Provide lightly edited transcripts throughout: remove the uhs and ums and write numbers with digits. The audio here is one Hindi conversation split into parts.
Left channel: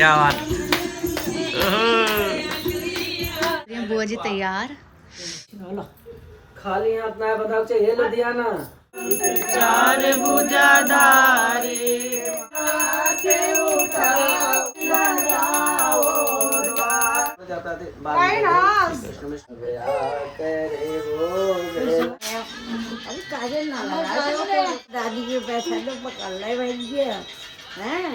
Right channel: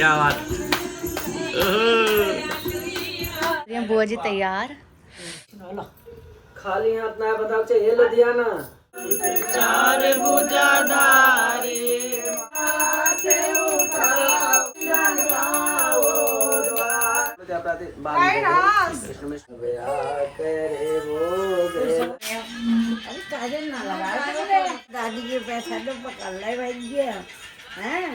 क्या बात। बुआ जी तैयार। खाली हाथ ना बताओ चाहिए लुधियाना चार भुजाधारी काजल ना लगा दादी के पैसा तो पकड़ ले भैया हैं।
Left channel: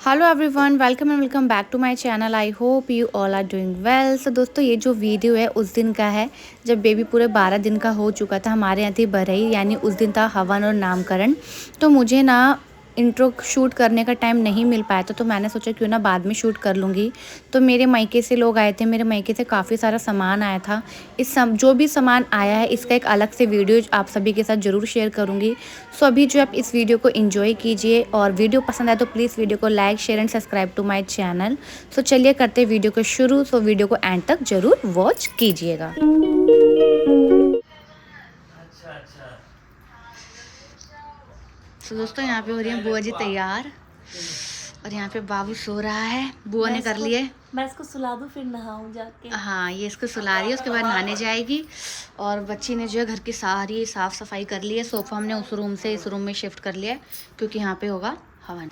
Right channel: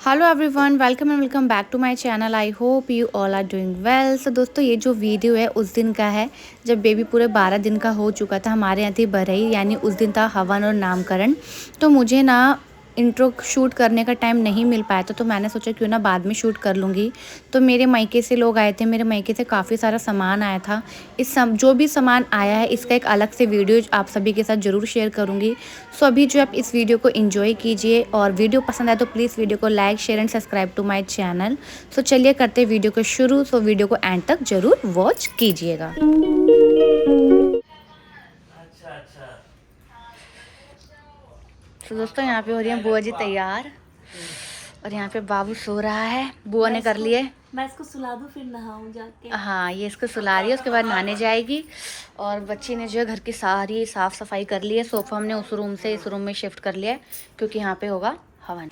Hello everyone, welcome and welcome back to my channel. I hope you all are doing well. So दोस्तों, ये जो वीडियो है उस दिन का है जब बेबी पूरे 12 दिन का हो चुका था। हमारे यहाँ थी बरई, यानी उस दिन था हवन और नामकरण। तो मुझे ना इंट्रो शूट करने का टाइम नहीं मिल पाया था, तो मैंने सोचा क्यों ना बाद में शूट कर लूँगी। तो मेरे मायके से लोग आए थे, मेरे मायके से काफ़ी सारा सामान आया था। जो भी सामान आया है इसका एक अलग से वीडियो आप सभी के साथ ज़रूर शेयर करूँगी। सो अभी जो आप इस वीडियो को एंजॉय कीजिए, और वीडियो पसंद आए तो प्लीज़ वीडियो को like, share and subscribe to my channel. So चलिए करते हैं वीडियो को शुरू। सो वीडियो को एंड तक ज़रूर वॉच कीजिएगा। तो दोस्तों, यहाँ पे हो रही है बुआ जी तैयार, और यहाँ पे बाबू सो रहा है। बुआ ने कर लिए। मैं इसको सुला दूँ फिर नहाऊं जाके। हाँ, ये इसको सुला रही है, उसके बाद नहाने जाएगी। और बच्ची ने जो है घर की सारी साफ़ सफाई कर ली है। सोफ़ा हमने उस रूम से इस रूम में शिफ्ट कर लिया है, क्योंकि यहाँ पे होगा हवन।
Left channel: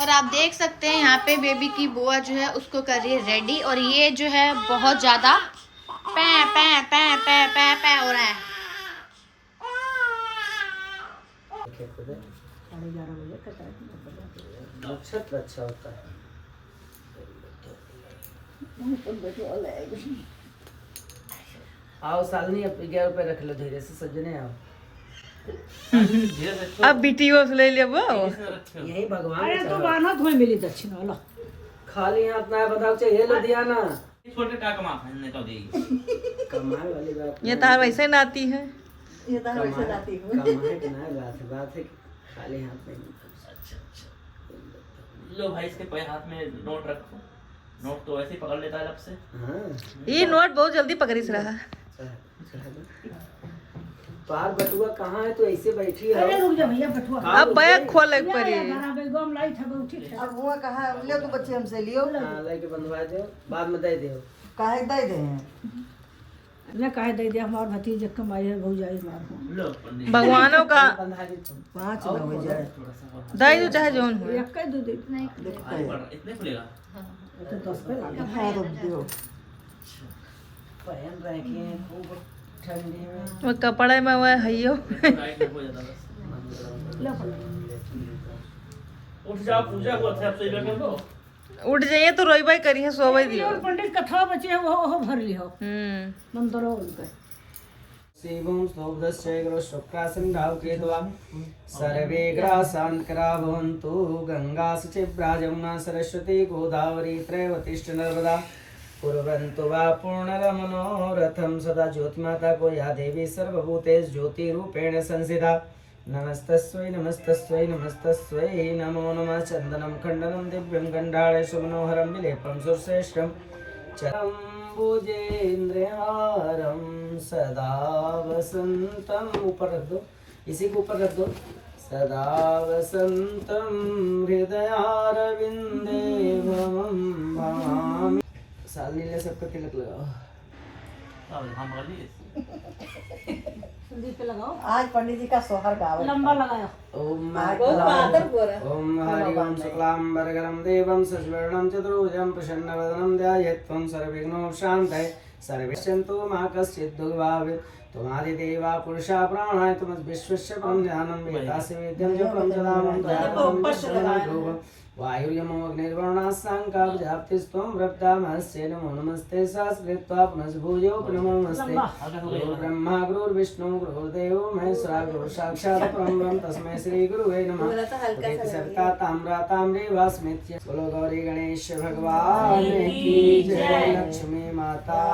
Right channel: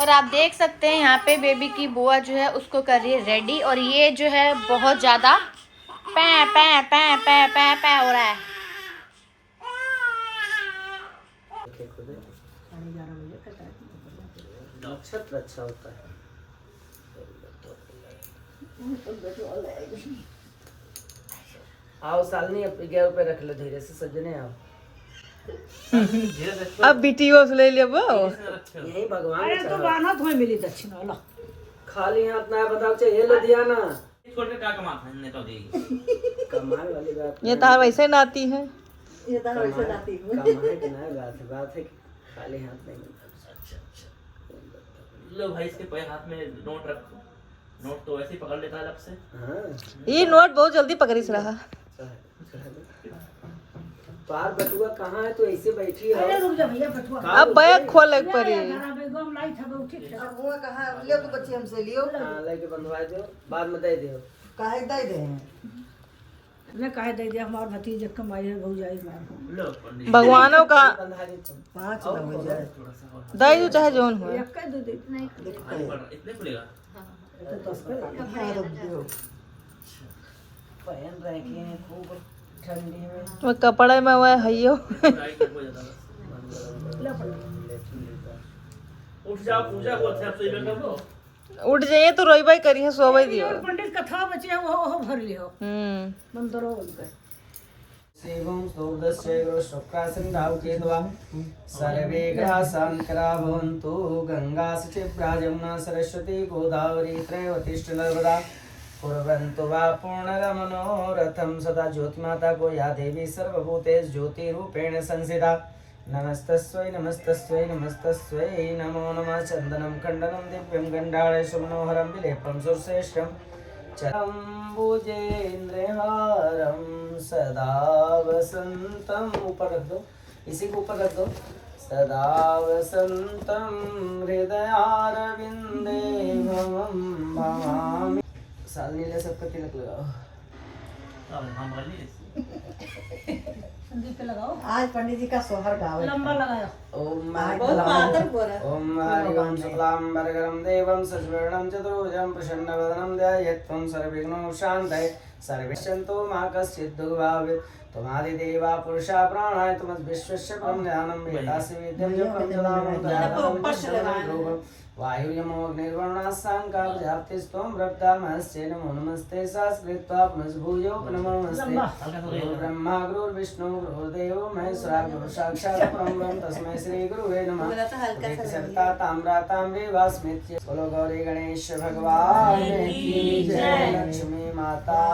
और आप देख सकते हैं यहाँ पे बेबी की बुआ जो है उसको कर रही है रेडी। और ये जो है बहुत ज़्यादा पै पै पै पै पै पै हो रहा है। अच्छा होता है। आओ सालनी, अब 11 रुपए रख लो, धीरे से सजने आओ। अब बीटीओ से ले लेबो यही भगवान अरे तो बाना तुम्हें मिली दक्षिण वाला। खाली हाथ ना बताओ चाहिए लुधियाना छोटे क्या कमाने तो देगी। कमाए वाली बात ये तार वैसे नाती है। ये तो वैसे लाती हूँ। कमाए की ना बात है कि खाली हाथ नहीं। लो भाई, इसके पैर हाथ में नोट रखो। नोट तो ऐसे ही पकड़ लेता है लब से। हाँ ये नोट बहुत जल्दी पकड़िस रहा। पार बटुआ कहाँ है? तो ऐसे बैठी है। अरे रुक जा भैया, बटुआ अब बैग खोल एक परी। गम लाई था बहुत ठीक है। अब हुआ कहाँ ले तो बच्चे हमसे लियो हाँ, लेके बनवा दो, बाद में दे दो। काहे दे दे ले काहे दे दे, हमार भतीजे कमाई है भौजाई मार। लो पंडित। भगवानों का 5 हो जाए दाई तो चाहे जोन हो। एक का दो दे नहीं इतने खुलेगा। तो 10 का हाँ रख दियो। पहन रखे हैं खूब ठंडी में। वो कपड़े में वह हइयो। उठ जाओ, पूजा को अच्छा से कर दो। उठ जाइए तो रोई भाई करी है, सोवे दियो। और पंडित कथा बचे हैं वो भर लियो। मंत्रो उनके शिवं स्तोभदश्चैग्रो शुक्रासन्धाव केतवा सर्वे ग्रासान्करा भवन्तु। गंगा सचिव्रा जमुना सरस्वती गोदावरी त्रैवतिष्ठ नर्मदा कुर्वन्तु वा पूर्णरमनोरथं। सदा ज्योतिमाता को या देवी सर्वभूतेषु ज्योतिरूपेण संस्थिता। नमस्तस्यै नमस्तस्यै नमस्तस्यै नमो नमः। चन्दनं खण्डनं दिव्यं गण्डाळेषु मनोहरं विलेपं सुरश्रेष्ठं चरम्बुजेन्द्रहारं सदा वसन्तं। ऊपर रख दो, इसी को ऊपर रख दो। सदा वसन्तं हृदयारविन्दे भवं भवामि। सालनी ले सबको तिलक लगाओ। संदीप पे लगाओ। आज पंडित जी का सोहर गावे लंबा लगाया। ओम ओम हरि ओम शुक्लांबरधरं देवं सज्वर्णं चतुर्भुजं प्रसन्नवदनं ध्यायेत् त्वं सर्वविघ्नोपशान्तये। सर्वेश्चन्तु मा कश्चित् दुर्भावेत्। त्वमादिदेवा पुरुषा प्राणाय त्वमद्विश्वस्य परं ध्यानं वेदासि वेद्यं च परं सदा मम त्वं वायुर्यमो अग्निर्वरुणः साङ्गा प्रजापतिस्त्वं ब्रह्मास्ते। नमो नमस्ते सहस्रकृत्वा पुनः भूयो नमो नमस्ते। गुरु ब्रह्मा गुरुर्विष्णु गुरुर्देवो महेश्वरः गुरु साक्षात् परब्रह्म तस्मै श्री गुरुवे नमः। सत्ता ताम्रा ताम्रे वास्मित्य। बोलो गौरी गणेश भगवान की जय। लक्ष्मी माता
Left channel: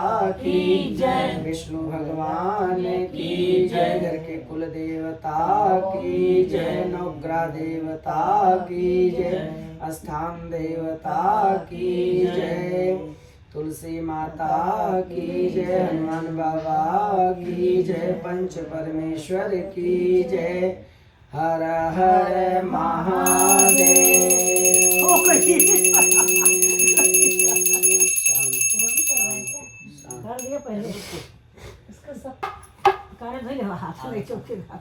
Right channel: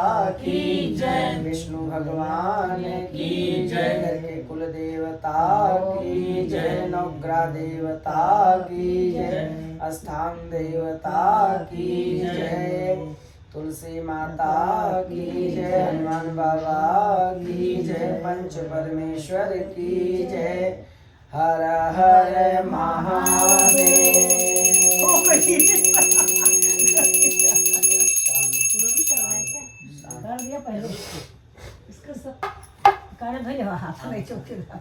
की जय। विष्णु भगवान की जय। घर के कुल देवता की जय। नवग्रह देवता की जय। स्थान देवता की जय। तुलसी माता की जय। हनुमान बाबा की जय। पंच परमेश्वर की जय। हर हर महादेव। ओ कहीं कर दिया पहले इसका सब करे भाई हाथ में चौके ना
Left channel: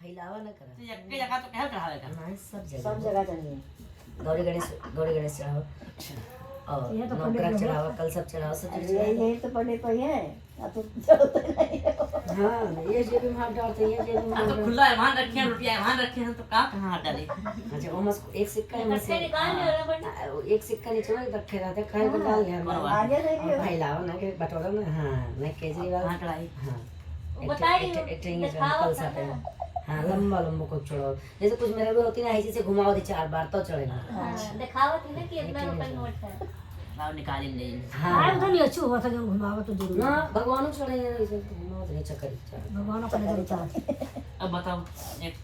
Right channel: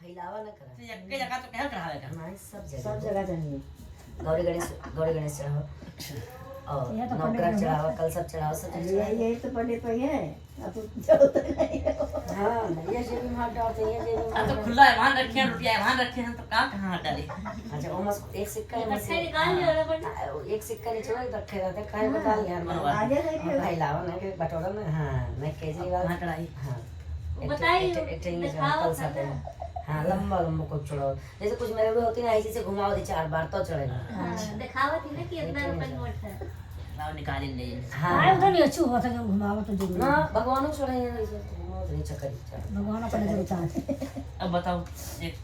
फैलावा ना करा एक जगह तो कह रहा है नहीं सब सब जगह जगह चाहिए गौरी गणेश चढ़ाओ और ये तो पंडित नवग्रह लोग चढ़ाओ कल सब चढ़ाओ सब अरे चढ़ाओ। यही तो पंडित तो है अब तो चलते नहीं हाँ ये जो भी मार डालते हैं ये जो भी अब मार तो खुला है वहां रखे हैं रुपया वहां रखे हैं तो कहां डाले। अच्छा वो मस एक सिक्का है मस निकाल ले रहा बंदा एक सिक्का नीचे में रखे रहते काहे में डाल यार आगे नहीं भाई लावा ना के बटोरा ना हां मैं केजरीवाल कहां चढ़ाई हाँ बताइए, दिखाओ कल साथ है हाँ लंबा लंबा को चढ़ाओ जैसे कुछ मेरे भी होती ना ऐसे से घुमाओ दे 4 बार तो चढ़ेगा। दिखावा थी ना कि इतना रुपए नोट है लाओ निकाल ले। हाँ आए तो नहीं अच्छू होता जो घुमावा तो जरूर ना भगवानों चढ़े ऐसे घुमाओ दे चक्कर भगवान को नजर उतार अब बताओ एक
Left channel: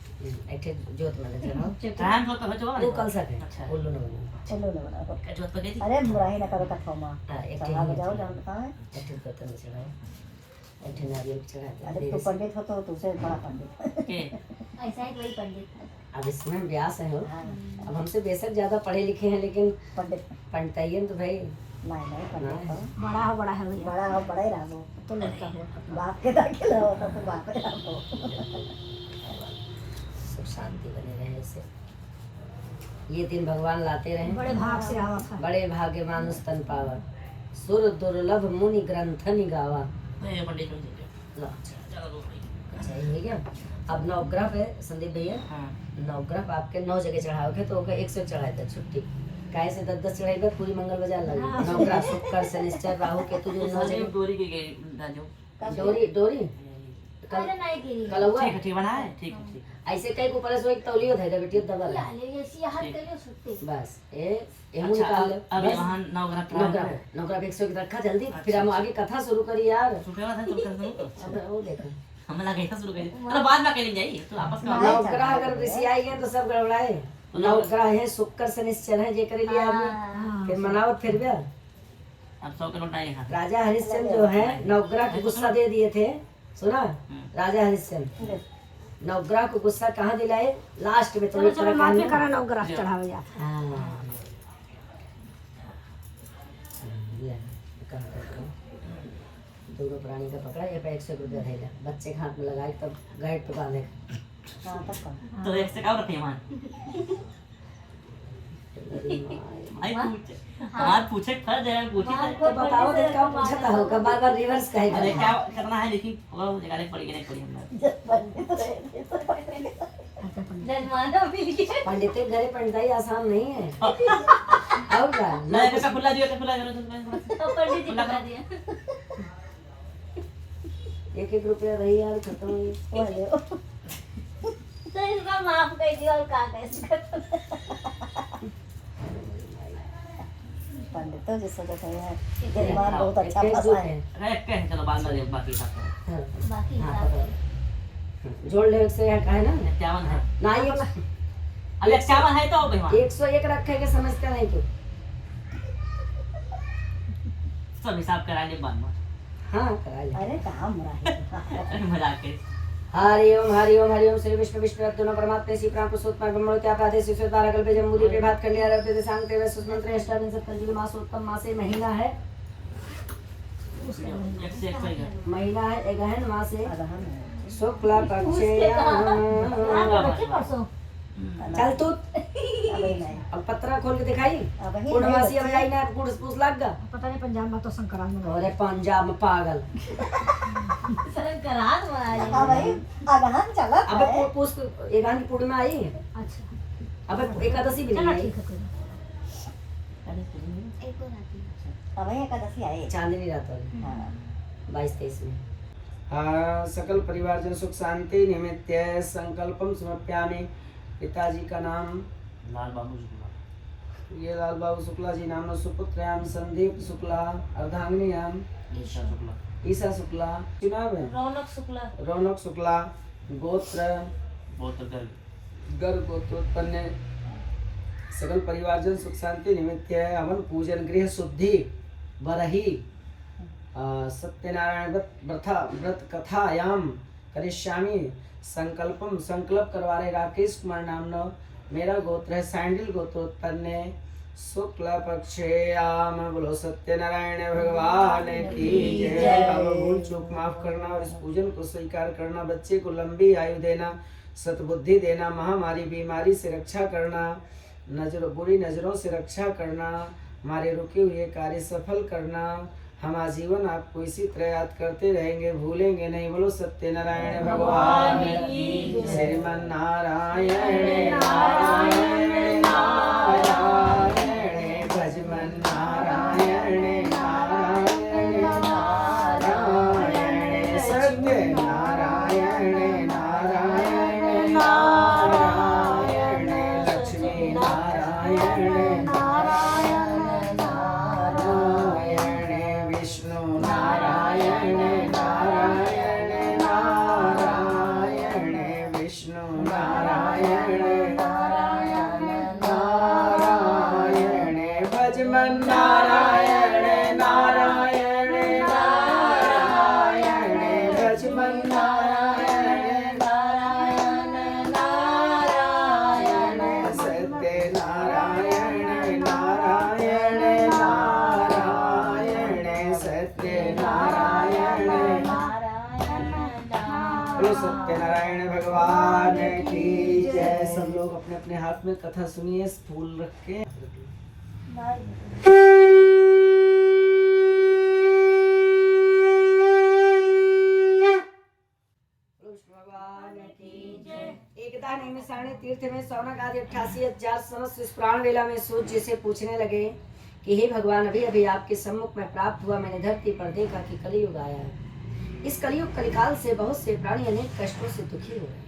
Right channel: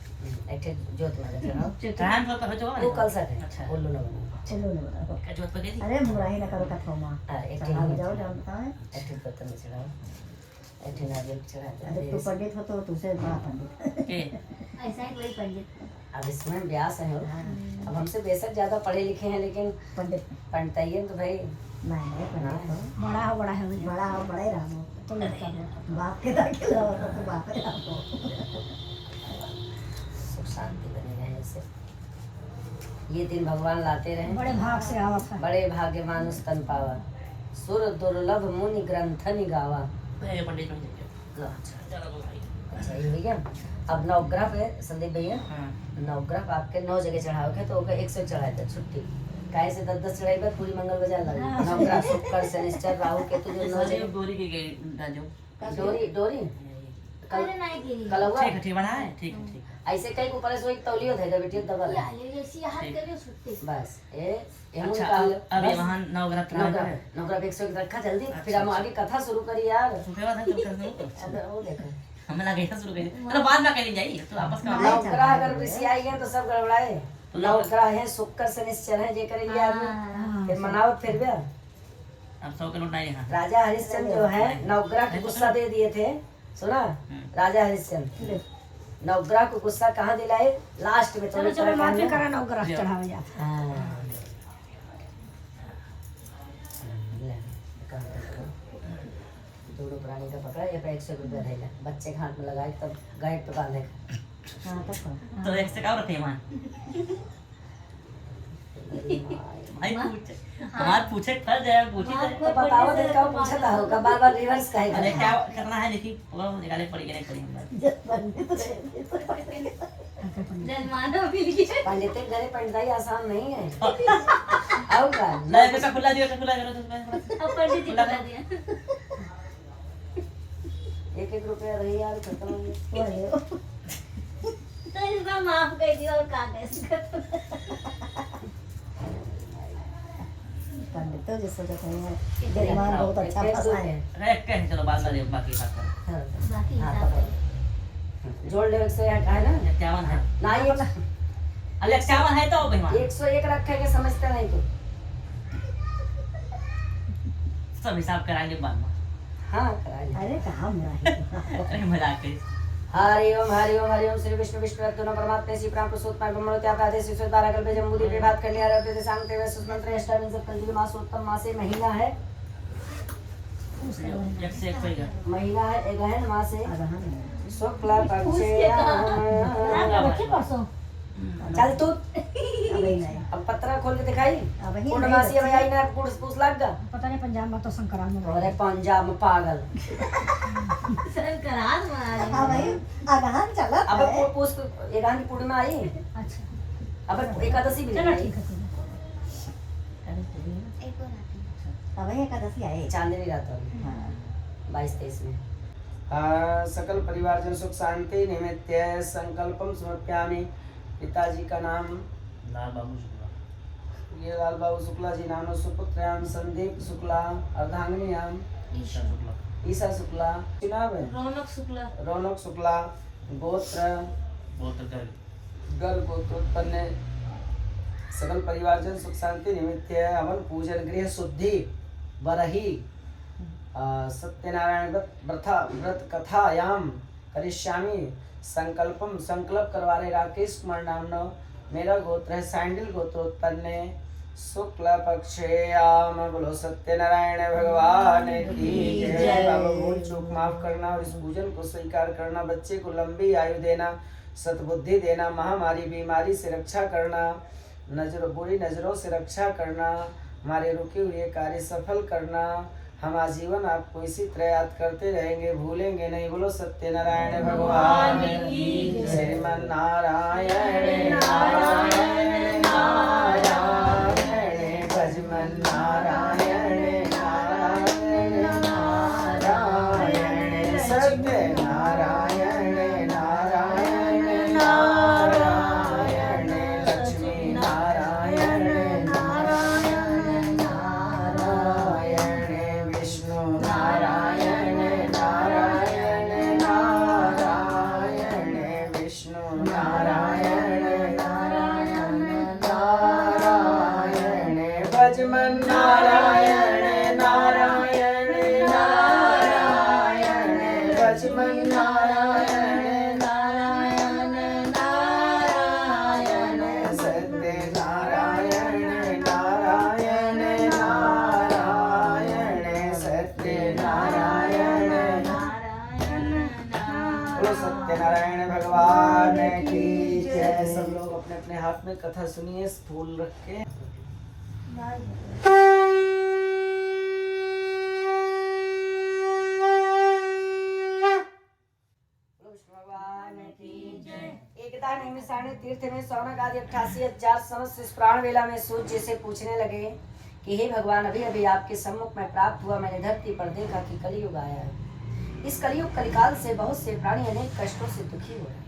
ऐसे जोत में चढ़ाओ टाइम तो हो जाएगा वो कल साथ है अच्छा बोलो ना बोलो चलो ना बड़ा क्या जोत पे गई थी अरे बुराई ना करो कठो मां एक चढ़ा के जाओ जानता है ऐसे बर्तन में चढ़ाओ ऐसे नारियल चढ़ाते अरे तू पंडित हो तो तुझसे बड़ा पंडित के ऐसा ही कोई पंडित है अब इसमें व्यास है हो अब हमसे बेशक ज्यादा पढ़े लिखे हैं लेकिन पंडित पंडित तो भाई नहीं नहीं पंडित हो बड़ा हो बड़ा ही रहो तो लड़का हो बाप के दाखिल हो तो बाप ही रहो सब शांति बने रहने से ये दिन भगवान लाते रहे बड़े भाग से आवत है बड़े भाग्य मानुष तन पावा सुर दुर्लभ मुनि ग्रंथ निगावा। भाई पंडित जी लो, चलो दो भाई अच्छा ये हो गया। अब नवग्रह पे संदीप भैया हां नवग्रह आपके 9 जगह चढ़ाओगे तो होगा 100 चढ़ाए थे छुट्टी काहे से 10 चढ़ाई पर पूरी मंगल बाजार लगी नवग्रह शुक्र शनिश्चर राहु केतु जो 9 जगह दूरी की गई राजू डोरी कल अरे नहीं दी कल हुआ ठीक है ठीक बना है ठीक है ठीक ऐसे कई ऊपर से एक तौलियो थे बेटी दबा ला ले ऐसी हाथ तेरे छुट्टी बस ये एमू अच्छा निकाल अब वहां नवग्रह नवग्रह नवग्रह पे 100 रखा जल्दी फिर हम आगे कथा शुरू करी यार रुपए वाला चल कर दो अब वो देखो हमें लगे था शुरू कर चलो बाद में कर जाइए तो आपस का नवग्रह अगर ऋषि आई गए तो सब गड़बड़ाए नवग्रह है शुक्र शनिश्चर है जे करे लिया आदमी फिर मनावत फिर गया अब 100 के नोट नहीं है राजा हरिश्चंद्र जो है नवग्रह को गुस्सा दे दिए थे सुना राजा हरिश्चंद्र नवग्रह को गुस्सा कहाँ दिलाए लास्ट में चलो चलो माथे करा नवग्रह चढ़ावे जा दोनों प्राणी का पकड़ा ये 100 रुपया रहेगा बच्चे के हाथ में लगाए तब गाइड पे बांधे हां तक तो एक से क्या रखे मान भाई पूछे हमार पूछे फर जाए पूछी तो बताओ दे कब पूछा था होगा बार बार रिवर्स अरे कहे क्या करना है लेकिन वो निकाले पड़ी नहीं पड़ी हमारे जजमाना मिल गया पंडित के घरे पंडिताई आसान नहीं है और क्या नहीं कैसा खुला दिया खुला करो अब पंडित जी बता दिया 1-1 रुपया रही यार खत्म हो गई तो इसका माफ कर दिया और का कैसे पंडित तो जिससे तो कोई है दिमाग बहुत अच्छा फंसा है अरे कह चलो बाद में देखो बाकी सब बाकी हाँ हिसाब पकड़ो जोड़ ले 101 है ना 51 है ना ये अब 51 है तो भाई 101 रखे के समझते नहीं तू सब हिसाब कराएंगे बाद में हाँ कराइए अरे कहाँ मुराही अरे मजाक कर हरि ओम श्री विष्णु विष्णु दोनों परमात्मा श्री प्राण प्रसूत पर ब्रह्मण क्या प्रादे शिशु तारा कल्पे जम्बूदी पे बात कर लिया रहते थे सांग तेरे सुमंत्र अष्टमी सप्तमी मासोत्तम मासे महीना है एक से एक सही है महीना है गहन मासे अरहन शुक्ला पक्षे परसों चल तू अब ही नहीं अब पत्रा खोल के दिखाई अब ही पूर्णमासी अब आई ना पूछ लग गा पता नहीं पंजाब में तो संक्रांत में अरे पंजाब में पागल संक्रांत वाला हाँ भाई अरहन चला अब पूछ एकांत पूर्णिमा आई अच्छा अब एकादशी भी चलो नहीं आई ठीक है कोई एक और आती है अब ही एकादशी आई चांदनी रात वाली हाँ 22-23 में सकल परिवार जन सुख शांति निमित्त संकल्पम समर्प्यामि। पिताजी का नाम लाल बाबू शुक्ला ये लाल बाबू शुक्ला जी नाम सुपुत्रयाम संदीप शुक्ला अर्धांगिनीयाम ईशा शुक्ला ईशा शुक्ला नाम है रौनक शुक्ला रौनक शुक्ला गोत्र बहुत कर गर्भ गोत्रोत्पन्न सकल परिवारजन सुख शांति निमित्त हवन पूजन गृह शुद्धि बरही सत्यनारायण व्रत कथायाम करिष्यामि संकल्पम संकल्प करवा रहे राकेश कुमार नाम मेरा गोत्र है सैंडल गोत्रोत्पन्न शुक्ल पक्षयाम। बोलो सत्यनारायण भगवान की जय। बाबा भूल चूक माफ करना और इस पूजन को स्वीकार करना, बच्चे को लंबी आयु देना, सद्बुद्धि देना, महामारी बीमारी से रक्षा करना, बुरी नजरों से रक्षा करना, हमारे रुके हुए कार्य सफल करना, हम आजीवन आपको इसी तरह याद करते रहेंगे, भूलेंगे नहीं। बोलो सत्यनारायण भगवान की श्रीमन नारायण नारायण नारायण भजमन नारायण नारायण नारायण सत्यनारायण नारायण नारायण लक्ष्मी नारायण नारायण नारायण विष्णु नारायण नारायण नारायण विष्णु नारायण नारायण नारायण भजमन नारायण नारायण नारायण भजमन नारायण नारायण नारायण सत्य नारायण नारायण नारायण सत्य नारायण नारायण। बोलो सत्यनारायण भगवान की जय। सब लोग अपने अपने हाथ में कथा सुनिए, फूल रख के। एकता निमिषारण्य तीर्थ में सौनक आदि 88,000 समस्त इस प्राण वेला में सोच जैसे पूछने लगे कि हे भगवान, अभी अभी आपके सम्मुख में प्राप्त हुआ, मैंने धरती पर देखा कि कलियुग आया है। इस कलियुग कलिकाल से बहुत से प्राणी अनेक कष्टों से दुखी हो रहे हैं,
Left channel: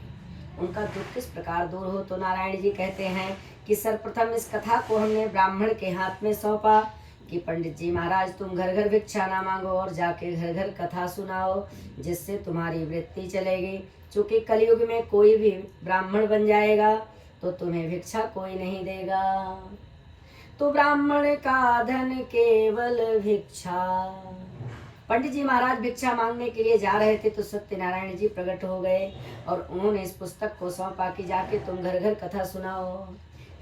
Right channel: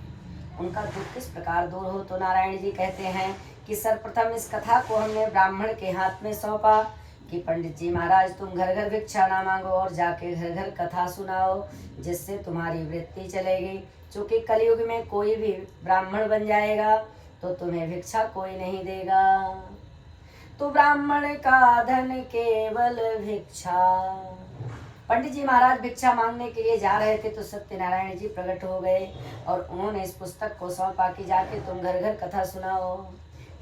उनका दुख किस प्रकार दूर हो। तो नारायण जी कहते हैं कि सर्वप्रथम इस कथा को हमने ब्राह्मण के हाथ में सौंपा कि पंडित जी महाराज, तुम घर घर भिक्षा ना मांगो और जाके घर घर कथा सुनाओ, जिससे तुम्हारी वृत्ति चलेगी। चूंकि कलयुग में कोई भी ब्राह्मण बन जाएगा तो तुम्हें भिक्षा कोई नहीं देगा। तो ब्राह्मण का धन केवल भिक्षा। पंडित जी महाराज भिक्षा मांगने के लिए जा रहे थे तो सत्यनारायण जी प्रकट हो गए और उन्होंने इस पुस्तक को सौंपा कि जाके तुम घर घर कथा सुनाओ।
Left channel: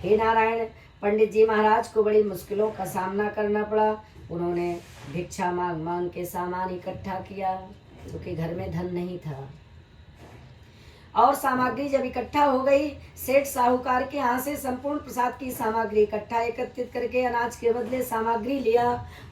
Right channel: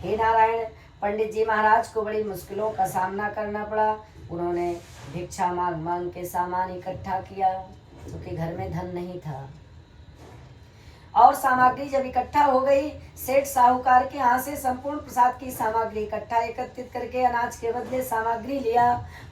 हे नारायण, पंडित जी महाराज को बड़ी मुश्किलों का सामना करना पड़ा। उन्होंने भिक्षा मांग मांग के सामान इकट्ठा किया, क्योंकि घर में धन नहीं था। और सामग्री जब इकट्ठा हो गई, सेठ साहूकार के यहाँ से संपूर्ण प्रसाद की सामग्री इकट्ठा एकत्रित करके अनाज के बदले सामग्री लिया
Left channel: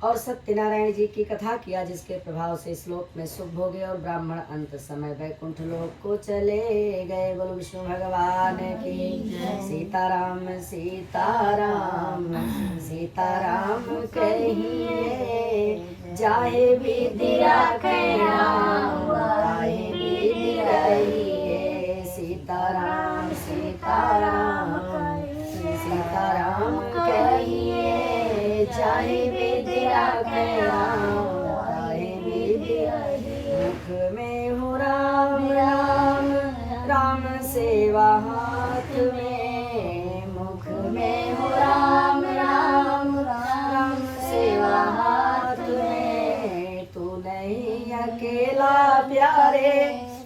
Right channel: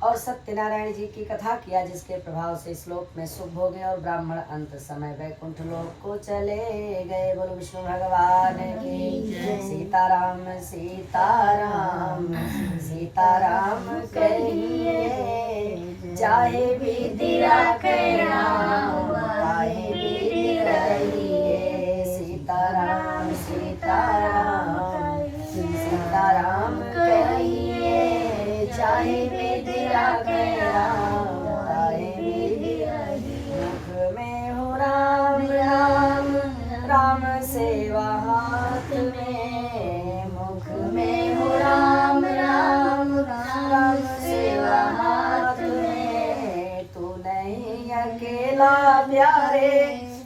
और सत्यनारायण जी की कथा किया, जिसके प्रभाव से श्लोक में सुख हो गया और ब्राह्मण अंत समय वैकुंठ लोक को चले गए। बोलो विष्णु भगवान की। सीताराम सीताराम सीताराम कहिए, चाहे विधि राखे राम, चाहे विधि रहिए। सीताराम सीताराम सीताराम कहिए, चाहे विधि राखे राम, चाहे विधि रहिए। मुख में हो राम राम, राम सेवा हाथ में। मुख में हो राम राम, राम सेवा हाथ में। तू नहीं अकेला प्यारे,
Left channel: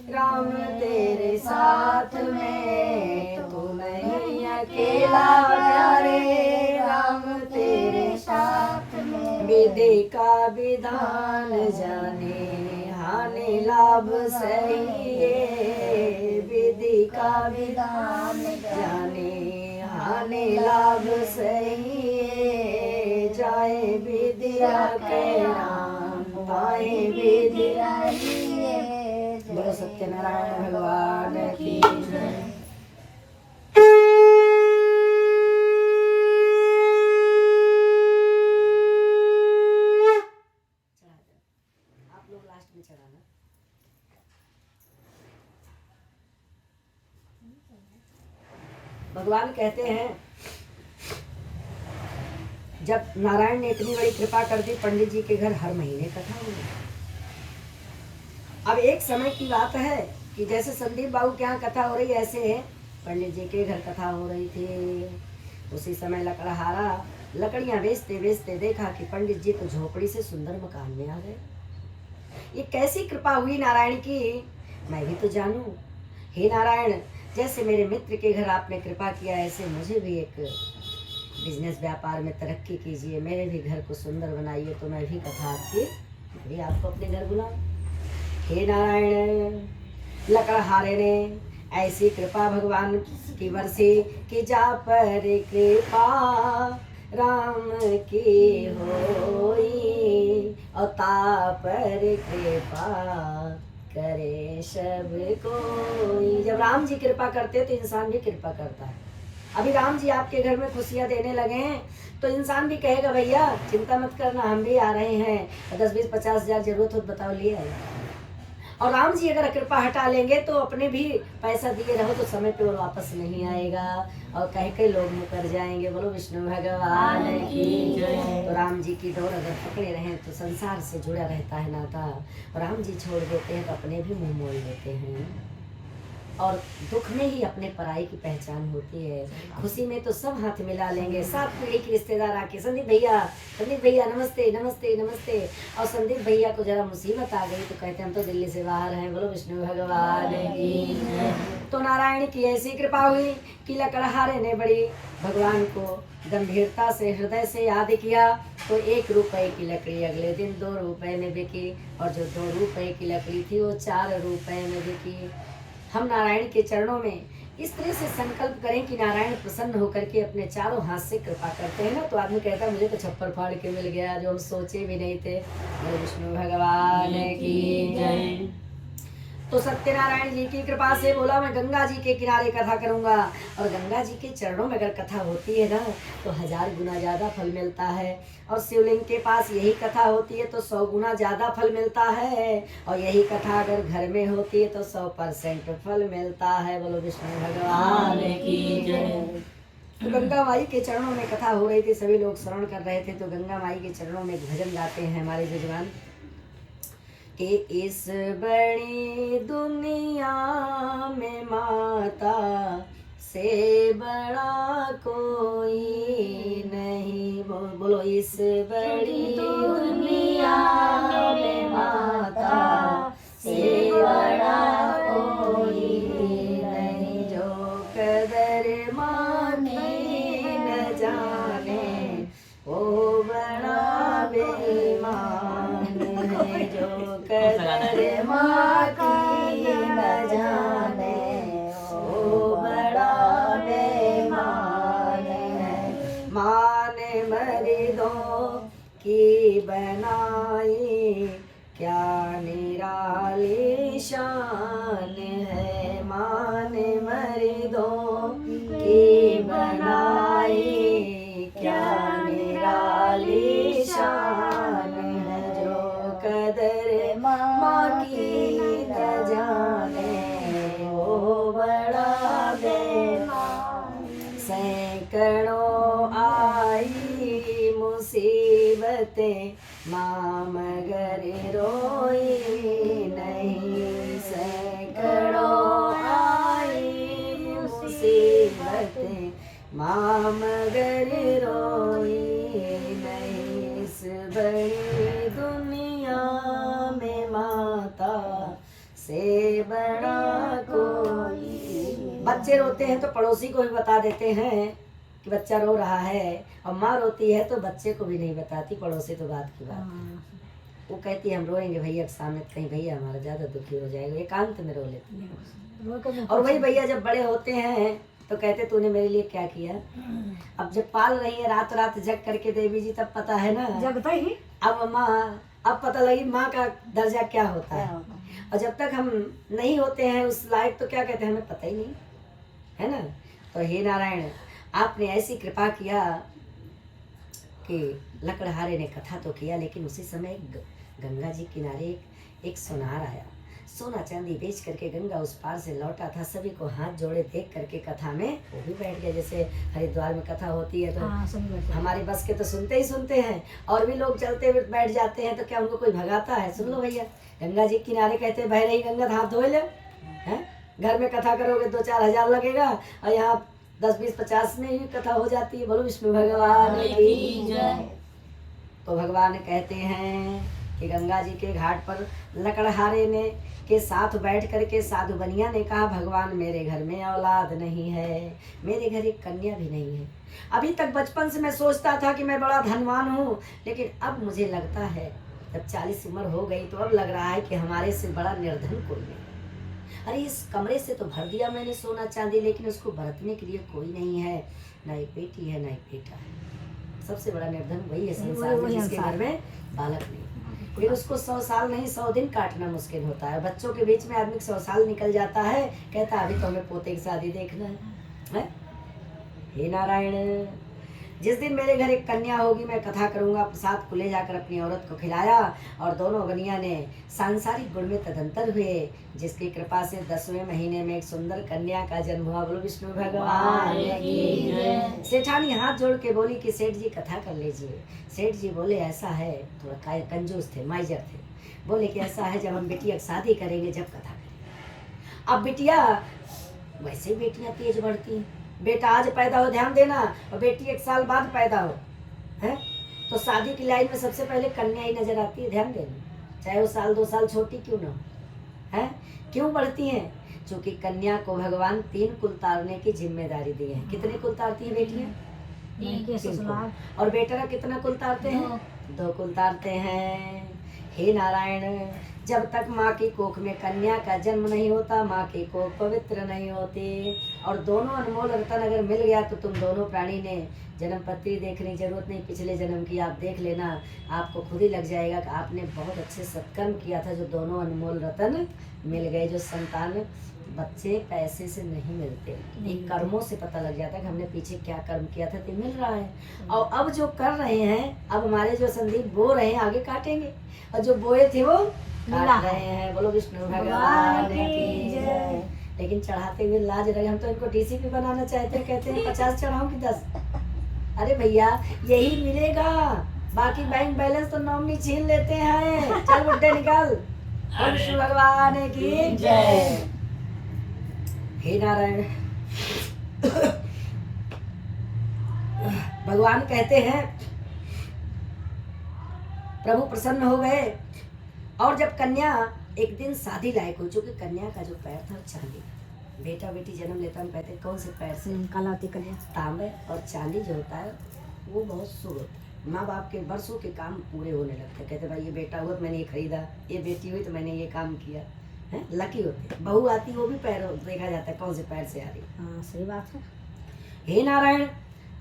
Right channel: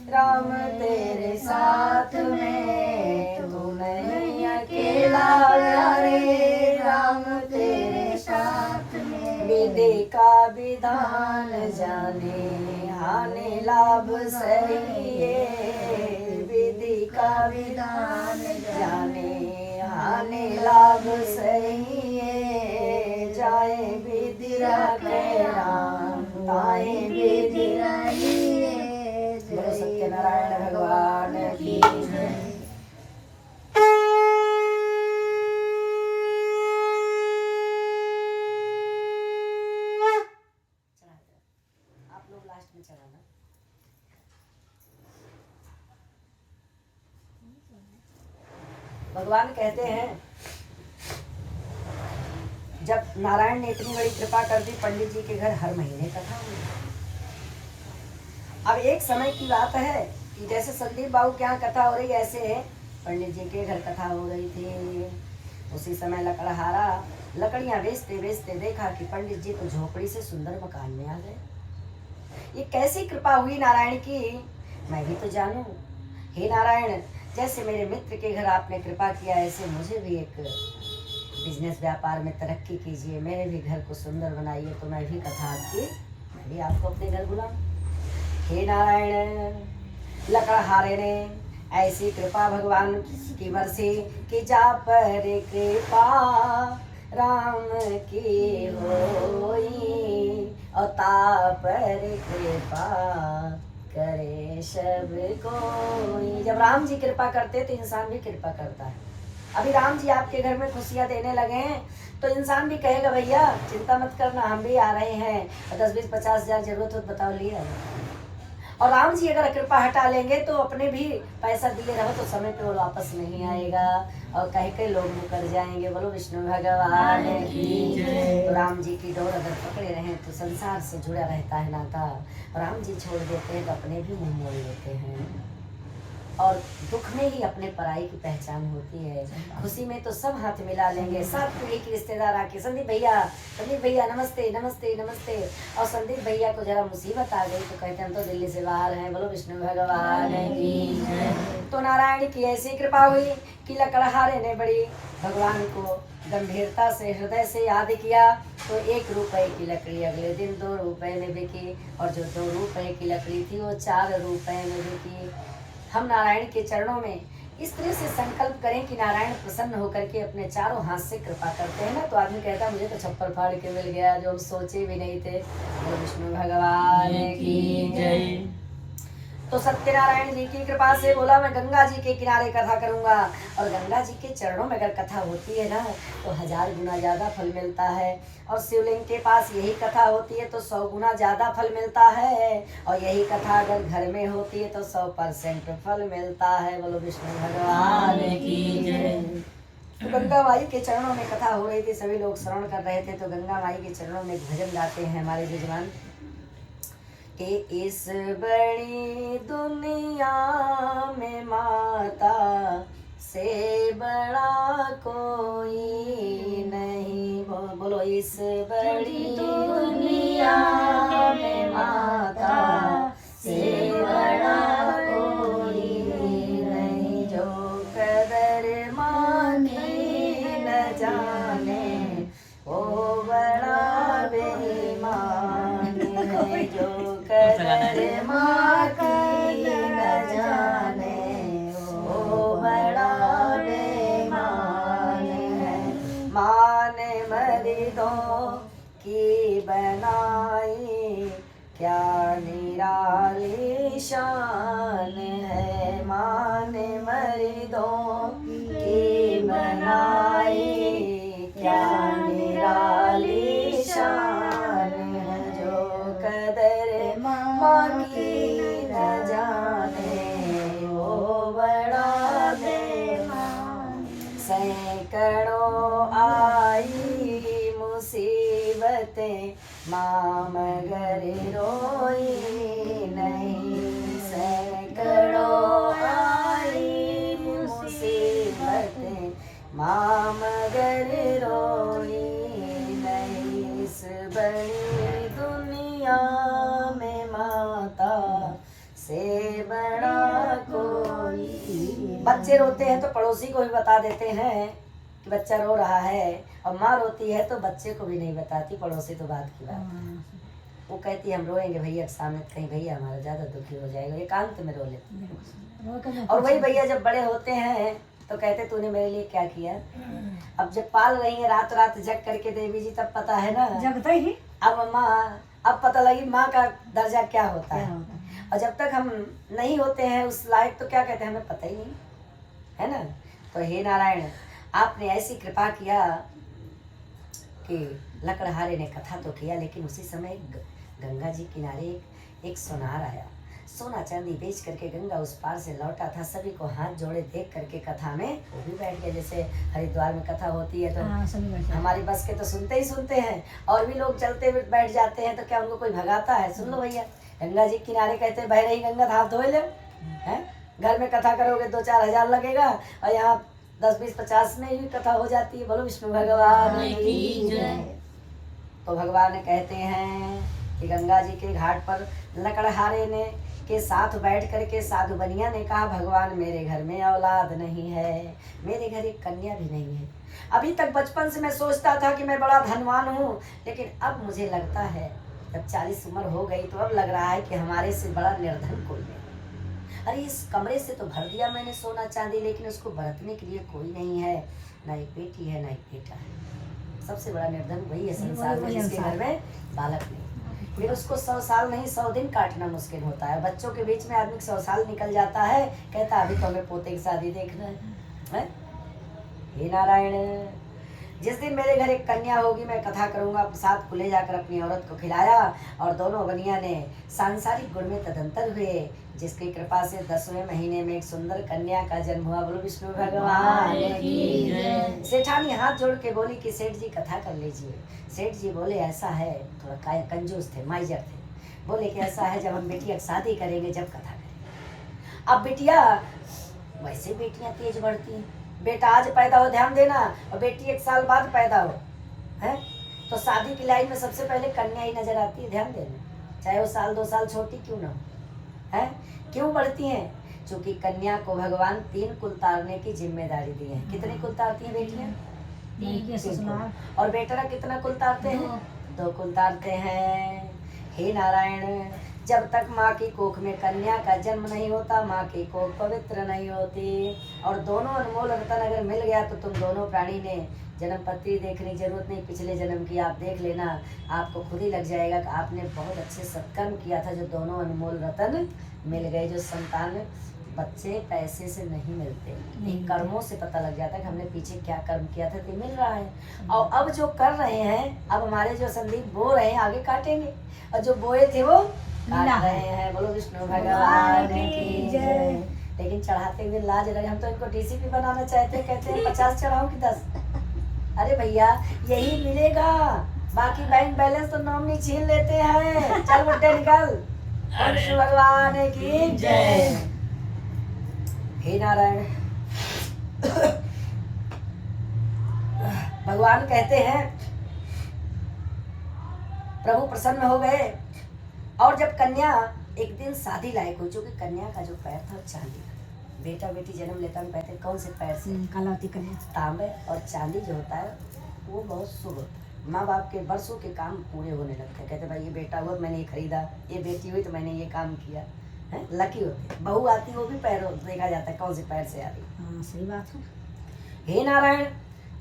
राम तेरे साथ में। तू नहीं अकेला प्यारे, राम तेरे साथ में। विधि का विधान जाने, हानि लाभ सही। विधि का विधान जाने, हानि लाभ सही। जाए विधि राखे राम, ताए विधि रहिए। बोलो सत्यनारायण भगवान की जय। आप लोग लास्ट में चलाना। भगवान कहते हैं, जब नारायण ने इतनी बड़ी कृपा कर दी, पंडित जी के घर हर महीने कथा हुई। अब एक समय की बात है कि जैसे संदीप बाबू के यहाँ कथा हो रही, ऐसे पंडित जी के घर कथा हो रही थी। उसी समय लकड़हारा लकड़ियां बेचते बेचते देखा कि पंडित जी तो झोपड़ी से सुंदर मकान में आ गए। ये कैसी कृपा हुई नारायण की, मैं भी तो जानूं। हे नारायण, जैसे मेरे मित्र के घर आपने कृपा किया, ऐसे मुझे भी एक बिजनेस व्यापार में तरक्की कीजिए, मेरे भी घर को सुंदर बनाइए, तो मैं भी कथा आपकी, मैं भी आपको अपने घर बुलाऊं। हे नारायण, लकड़हारे ने ऐसी कृपा भगवान की बरसी कि जा पर कृपा राम की होई, और ता पर कृपा करे सब कोई। जब राम जी कृपा करते तो इंसान भी कृपा करता है। अभी राम जी आपके घर में खुशियां देने लगे हैं तो इंसान भी कहेगा भैया चिंता मत करना, हम भी आ रहे हैं, 10, 20, 50 हजार जरूरत हो तो बताओ ले आए। और राम जी अगर कृपा हटा लेंगे तो अपने भी पैसा दिए रहो तो समय पे वो वापस नहीं आएगा और कहीं के लोग मुकर जाएंगे। बोलो विष्णु भगवान की जय। तो राम जी की डोर अगर पकड़े रहें तो संसार से जुड़ा रहता है नाता, और राम जी छोड़ देते हैं तो अपने भी मुंह मोड़ लेते हैं, और दुख में ही अपने पराई की पहचान होती है। खुशी में तो सब हाथ मिला लेंगे, साथ में एक रिश्तेदार आके संदीप भैया नमस्ते नमस्ते नमस्ते, और संदीप भैया को जरा मुसीबत आ गई तो कहते हम तो दिल्ली से बाहर हैं। बोलो विष्णु भगवान की जय। तो नारायण की ऐसी कृपा हुई कि लकड़हारे ने बड़ी भगवान को गंभीरता से हृदय से याद किया, तो 1 रुपए की लकड़ी अगले दिन 2 रुपए में बिकी, और जो 2 रुपए की लकड़ी थी वो 4 रुपए में बिकी। हम नारायण के चरणों में इस तरह से संकल्प करें कि नारायण प्रसन्न होकर के अपने चारों हाथ से कृपा करते हैं ना, तो आदमी कहता है मुझे तो छप्पर फाड़ के मिल गया जो हम सोचे भी नहीं थे। विष्णु भगवान की जय। तो सत्यनारायण जी की कृपा से बोला मैं गंगा जी के किनारे कथा करूंगा, और गंगा जी के चरणों में अगर कथा होती है ना तो 1000 गुना ज्यादा फल मिलता है, और शिवलिंग के पास यही कथा होती है तो 100 गुना ज्यादा फल मिलता है, और यही कथा अगर घर में होती है तो 100% फल मिलता है। बोलो विष्णु भगवान की जय। गंगा माई के चरणों में कथा हो रही थी, सभी लोग श्रवण कर रहे थे, तो गंगा माई के चरणों में भजन गाते हैं हमारे जजमान कि इस बड़ी दुनिया में माता से बड़ा कोई नहीं। बोलो इस बड़ी दुनिया में माता से बड़ा कोई नहीं, जो कदर माने न जाने वो बड़ा बेईमान है, जो कदर माने न जाने वो बड़ा बेईमान है। माने मर्दों की बनाई क्या निराली शान है, माने मर्दों की बनाई क्या निराली शान है, जो कदर माँ की न जाने वो बड़ा बेईमान। सैकड़ों आई मुसीबतें माँ मगर रोई नहीं, सैकड़ों आई मुसीबतें माँ मगर रोई नहीं। इस बड़ी दुनिया में माता से बड़ा कोई। बच्चे रोते हैं तो पड़ोसी को भी बता देते हैं कि बच्चा रो रहा है, और माँ रोती है तो बच्चे को भी नहीं बताती, पड़ोसी तो बात की बात। वो कहती है हम रोएंगे भैया के सामने, कहीं भैया हमारा ज्यादा दुखी हो जाएगा, एकांत में रो लेती है। और वही भैया जब बड़े होते हैं तो कहते तूने मेरे लिए क्या किया। अब जब पाल रही है रात रात जग करके देवी जी, तब पता है ना, जगता ही अब माँ, अब पता लगी माँ का दर्जा क्या होता है। और जब तक हम नहीं होते हैं उस लायक तो क्या कहते हैं हमें पता ही नहीं है ना। तो हे नारायण, आपने ऐसी कृपा किया कि लकड़हारे ने कथा तो किया, लेकिन उसी समय गंगा जी किनारे एक सोनार आया, सोना चांदी बेच करके गंगा उस पार से लौटा था। सभी को हाथ जोड़े देख करके कथा में वो भी बैठ गए। जैसे हरिद्वार में कथा होती है तो हमारी बस के तो सुनते ही सुनते हैं, और भी लोग चलते हुए बैठ जाते हैं, तो क्या उनको कोई भगाता है। सुन लो भैया, गंगा जी किनारे कहते बह रही गंगा हाथ धो ले, हैं घर में कथा करोगे 2-4 हजार लगेगा, और यहाँ 10-20-50 में ही कथा हो जाती है। बोलो विष्णु भगवान की जय। तो भगवान कहते हैं कि गंगा जी के घाट पर लकड़हारे ने के साथ बैठ करके साधु बनिया ने कहा, भगवान मेरे घर में औलाद नहीं है, मेरे घर एक कन्या भी नहीं है। अभी तक बचपन से मैं सोचता था कि मैं बड़ा धनवान हूँ, लेकिन अब मुझे लगता है, जब 40 उम्र हो गई तो अब लग रहा है कि हमारे से बड़ा निर्धन कोई नहीं। अरे इस कमरे से तो भर दिया मैंने सोना चांदी, लेकिन उसको बरतने के लिए कोई नहीं है, ना एक बेटी है ना एक बेटा है। सबसे बड़ा निर्धन वही है संसार में जिसके घर में बालक नहीं। फिर उसको 100 साल नहीं 100 दिन काटना मुश्किल होता है। बच्चों के बीच में आदमी 100 साल निकल जाता है, कहता अभी तो हमें पोते की शादी देखना है? हे नारायण, जिस दिन मेरे घर एक कन्या होगी मैं कथा करूंगा। प्रसाद को ले जाकर अपनी औरत को खिलाया और दोनों बनिया ने सांसारिक गुण में तदंतर हुए, जिसकी कृपा से 10वें महीने में एक सुंदर कन्या का जन्म हुआ। बोलो विष्णु भगवान की जय। सेठानी हाथ जोड़ के बोली कि सेठ जी कथा कर लीजिए। सेठ जी बोले ऐसा है, थोड़ा कंजूस थे, माइजर थे, बोले कि ऐसा है जब हम बेटिया की शादी करेंगे जब कथा करेंगे। अब बेटिया, वैसे बेटियां तेज बढ़ती हैं, बेटा आज पैदा हो ध्यान देना और बेटी 1 साल बाद पैदा हो, है तो शादी की लाइन में सबसे पहले कन्या ही नजर आती है, ध्यान देना, चाहे वो 1-2 साल छोटी क्यों ना हो। है क्यों बढ़ती हैं? क्योंकि कन्या को भगवान 3 कुल तारने की जिम्मेदारी दी है। कितने कुल तारती हैं बेटियां? 3 कुल। और बेटा कितना कुल तारते हैं? 2 कुल तारते हैं। हे नारायण, जब तक माँ की कोख में कन्या का जन्म नहीं होता, माँ की कोख पवित्र नहीं होती। और दोनों अनमोल रतन अगर मिल गया तो तुम दोनों प्राणी ने जन्म पत्री देखने की जरूरत नहीं, पिछले जन्म की आप देख लेना, आपको खुद ही लग जाएगा कि आपने बहुत अच्छे सत्कर्म किया था जो दोनों अनमोल रतन मिल गए। जो संतान बच्चे पैसे से नहीं मिलते, इन कर्मों से पता लग जाता है कि हमने पीछे क्या कर्म किया था तो मिल रहा है। और अब जो कर रहे हैं, अब हमारे जो संदीप बो रहे हैं आगे काटेंगे, और जो बोए थे वो काट रहे हैं। बोलो विष्णु भगवान की जय। लेकिन चढ़ाते हुए लाज लगे, हम तो इनको डीसीपी बनाना चाहते, कहते हैं 50 चढ़ाऊं कि 10। अरे भैया यही मिलेगा, बाकी बैंक बैलेंस तो नॉमिनी छीन लेते हैं। चल बुड्ढे निकल। विष्णु भगवान की जय। हे नारायण, भगवान कहते हैं प्रभु प्रसन्न हो गए। और जब कन्या एक दिन शादी लायक हो, चूंकि कन्या का जो पैर था चांदी, बेटा बेटी जन्म लेता हम कहते कौन से पैर से? कलावती कन्या। तांबे और चांदी जो होता है वो बहुत शुभ होता है। माँ बाप के बरसों के काम पूरे होने लगते हैं। कहते भाई ये बेटा हुआ तो मैंने ये खरीदा, ये बेटी हुई तो मैंने ये काम किया, है लकी होते। बहू आती वो भी पैर देखा जाता है कौन से पैर से आ रही। हाँ सही बात है। हे नारायण,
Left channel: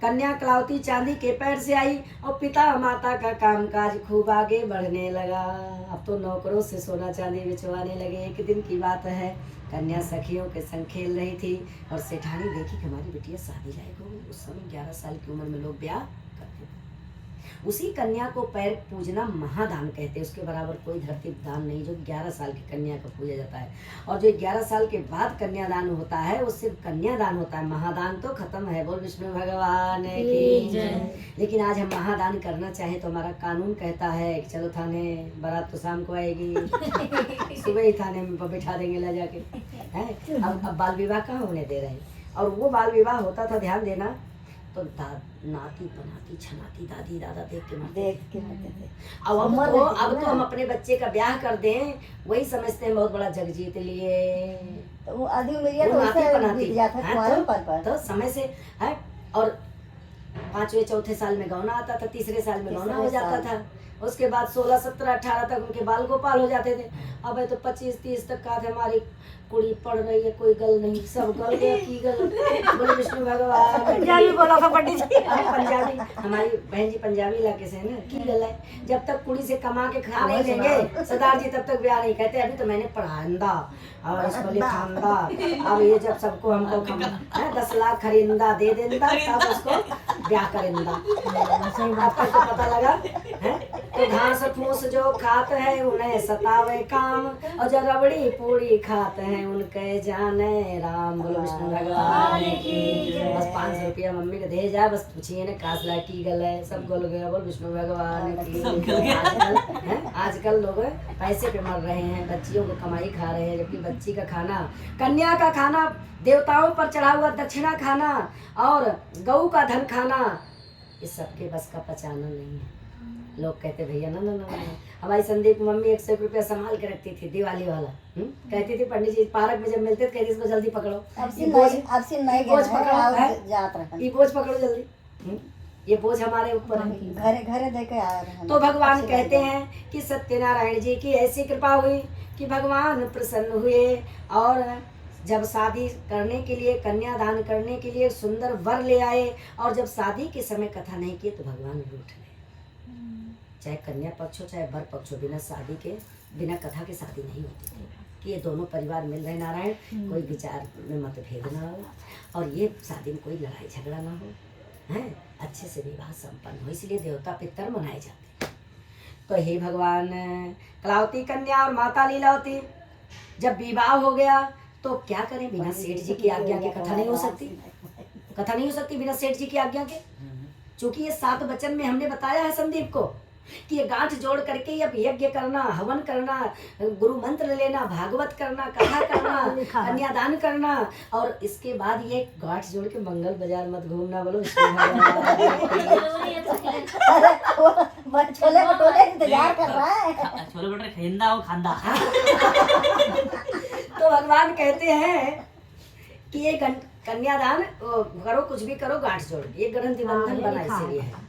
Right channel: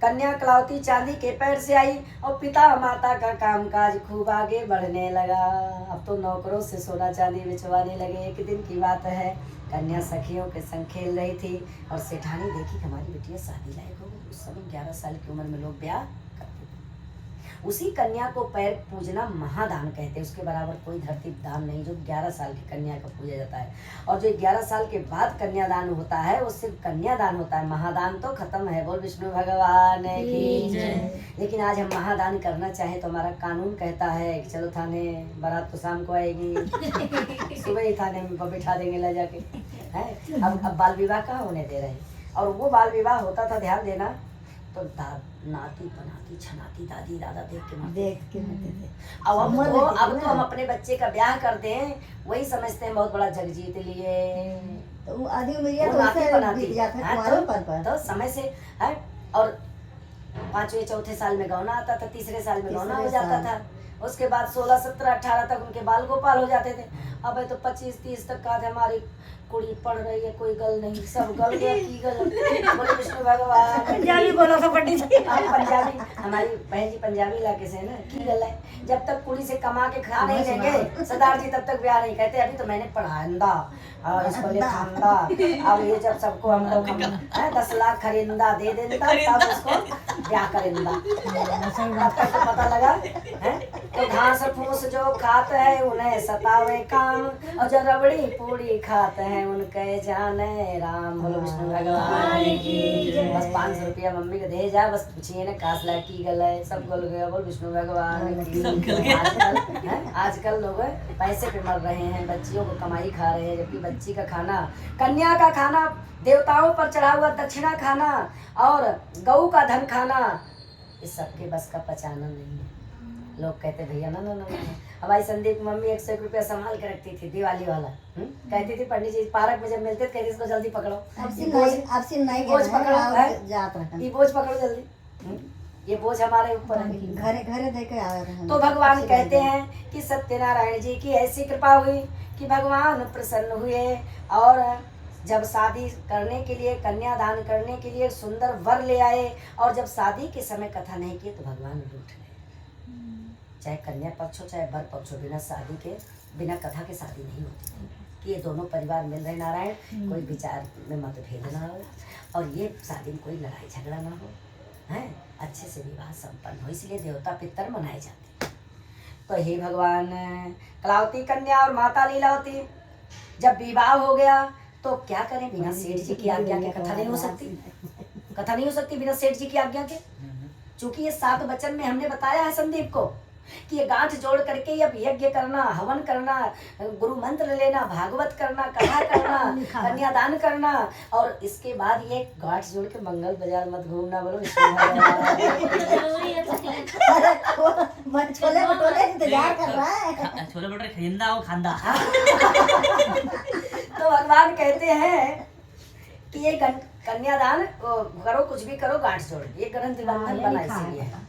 कन्या कलावती चांदी के पैर से आई और पिता माता का कामकाज खूब आगे बढ़ने लगा। अब तो नौकरों से सोना चांदी बिचवाने लगे। एक दिन की बात है, कन्या सखियों के संग खेल रही थी और सेठानी देखी कि हमारी बिटिया शादी लायक हो गई। उस समय 11 साल की उम्र में लोग ब्याह करते थे। उसी कन्या को पैर पूजना महादान कहते हैं। उसके बराबर कोई धरती दान नहीं जो 11 साल की कन्या का पूजा जाता है। और जो 11 साल के बाद कन्यादान होता है वो सिर्फ कन्यादान होता है, महादान तो खत्म है। बोल विष्णु भगवान की जय। लेकिन आज हम महादान करना चाहें तो हमारा कानून कहता है कि चलो थाने, बारात तो शाम को आएगी, सुबह ही थाने में बिठा देंगे ले जाके, है। अब बाल विवाह कहाँ होने दे रहे हैं। और वो बाल विवाह होता था, ध्यान देना, तो नाती बनाती छनाती दादी दादा देख के मारते थे। अब तो हम अपने बच्चे का ब्याह कर दें वही समझते हैं बहुत बड़ा जग जीत लिए। तो आधी उम्र वो नाती बनाती है तो समय से है। और 5वें 4थे साल में गौना आता था, 3रे साल में गौना हो जाता था। उसके बाद 16, 17, 18 तक उनके बाल गोपाल हो जाते थे। अब तो 25, 30 तक का हमारी कुड़ी पढ़ रही है, कोई गल नहीं, सब गल गया की गल। बोले विष्णु भगवान। पंजाबी बोला था पंडित जी। पंजाबी, हमारी बहन जी पंजाबी इलाके से है ना, की गल है। जब तक कुड़ी से कमा के खा नहीं देंगे सरदार जी तब तक ब्याह नहीं कहते। अभी तो मैंने पढ़ांदा और इसको लिखांदा, अब ये जब सबको हमको 10 लाख खरीदा दे देंदा तब उसको ब्याह करेंदा। तब तक तो पता लगा है तो घास फूस जो खात है उन्हें सतावे काम, और जो रबड़ी पूड़ी खाते हैं उनके जाने राम। बोलो विष्णु भगवान की जय। बस 500 रुपया मम्मी को दे जा, बस पूछिए ना कासला की गल है, सब गल गया। बोल विष्णु भगवान की। आजकल लोग पैसे पे मर रहे हैं, बच्चियों को कमाई खा रहे हैं, जबकि बच्ची का खाना, कन्या का खाना, देवताओं पर चढ़ा हुआ दक्षिणा खाना और गऊ का धन खाना, इस सबके बस का पचाना नहीं है। लोग कहते भैया ना ना ना, हमारी संदीप मम्मी 100 रुपया संभाल के रखती थी, दिवाली वाला। कहती थी पंडित जी पार्क में जब मिलते थे कहती इसको जल्दी पकड़ो, बोझ पकड़ो, ये बोझ पकड़ो जल्दी, ये बोझ हमारे ऊपर है। घरे घरे देके आ रहे हैं। तो भगवान कहते हैं कि सत्यनारायण जी की ऐसी कृपा हुई कि भगवान प्रसन्न हुए, और जब शादी करने के लिए, कन्यादान करने के लिए सुंदर वर ले आए, और जब शादी के समय कथा नहीं की तो भगवान रूठ गए। चाहे कन्या पक्ष हो चाहे वर पक्ष हो, बिना शादी के, बिना कथा के शादी नहीं होती थी, कि ये दोनों परिवार मिल रहे नारायण, कोई विचार में मतभेद ना हो, और ये शादी में कोई लड़ाई झगड़ा ना हो, हैं, अच्छे से विवाह संपन्न हो, इसलिए देवता पितर मनाए जाते। तो हे भगवान, कलावती कन्या और माता लीलावती जब विवाह हो गया तो क्या करें, बिना सेठ जी की आज्ञा के कथा नहीं हो सकती, कथा नहीं हो सकती बिना सेठ जी की आज्ञा के। चूंकि ये 7 वचन में हमने बताया है संदीप को कि ये गांठ जोड़ करके अब यज्ञ करना, हवन करना, गुरु मंत्र लेना, भागवत करना, कथा करना, कन्यादान करना, और इसके बाद ये गांठ जोड़ के मंगल बाजार मत घूमना। बोलो छोले भटूरे इंतजार कर रहा है, छोले भटूरे खिंदा और खांदा। तो भगवान कहते हैं कि ये कन्यादान करो, कुछ भी करो, गांठ जोड़, ये ग्रंथि बंधन बना इसलिए है।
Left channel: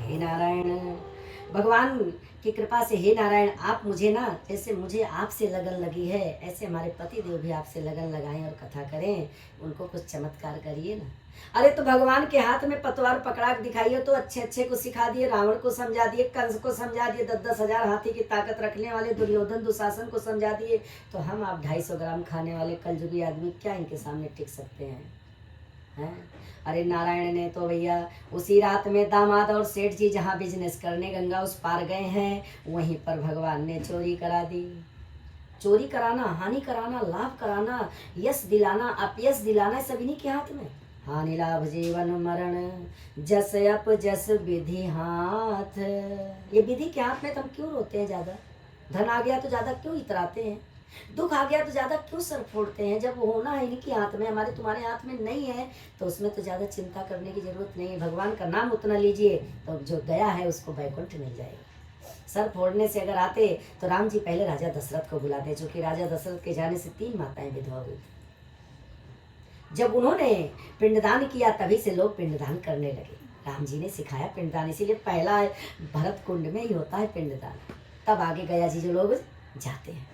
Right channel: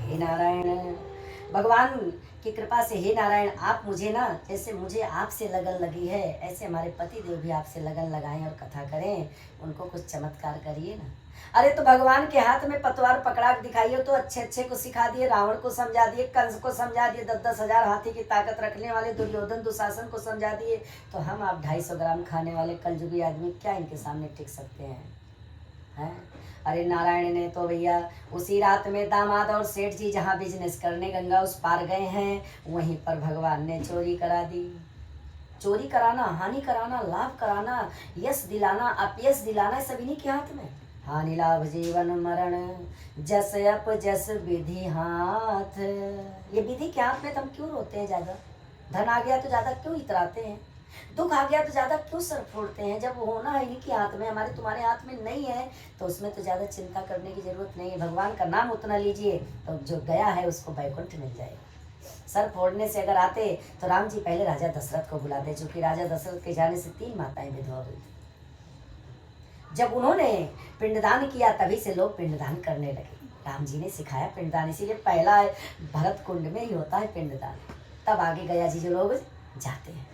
हे नारायण, भगवान की कृपा से हे नारायण, आप मुझे ना, जैसे मुझे आपसे लगन लगी है, ऐसे हमारे पति देव भी आपसे लगन लगाएं और कथा करें, उनको कुछ चमत्कार करिए ना। अरे तो भगवान के हाथ में पतवार पकड़ा दिखाइए तो अच्छे अच्छे को सिखा दिए, रावण को समझा दिए, कंस को समझा दिए, 10-10 हजार हाथी की ताकत रखने वाले दुर्योधन दुशासन को समझा दिए, तो हम आप 250 ग्राम खाने वाले कलयुगी आदमी क्या इनके सामने टिक सकते हैं? अरे नारायण ने तो भैया उसी रात में दामाद और सेठ जी जहाँ बिजनेस करने गंगा उस पार गए हैं, वहीं पर भगवान ने चोरी करा दी। चोरी कराना, हानि कराना, लाभ कराना, यश दिलाना, अपयश दिलाना, सब इन्हीं के हाथ में। हानि लाभ जीवन मरण जस अप जस विधि हाथ, ये विधि के हाथ में तो हम क्यों रोते हैं ज्यादा? धन आ गया तो ज्यादा क्यों इतराते हैं? दुख आ गया तो ज्यादा क्यों सर फोड़ते हैं? जब वो होना है इन्हीं के हाथ में, हमारे तुम्हारे हाथ में नहीं है, तो उसमें तो ज्यादा चिंता करने की जरूरत नहीं है। भगवान का नाम उतना लीजिए तो जो गया है उसको वैकुंठ मिल जाएगा। सर फोड़ने से अगर आते तो राम जी पहले राजा दशरथ को बुलाते, चूंकि राजा दशरथ के जाने से 3 माताएं विधवा हुई थी। जब उन्होंने पिंडदान किया तभी से लोग पिंडदान करने लगे। राम जी ने सिखाया पिंडदान, इसीलिए पहला भरत कुंड में ही होता है पिंडदान, तब आगे गया जी जो लोग जाते हैं।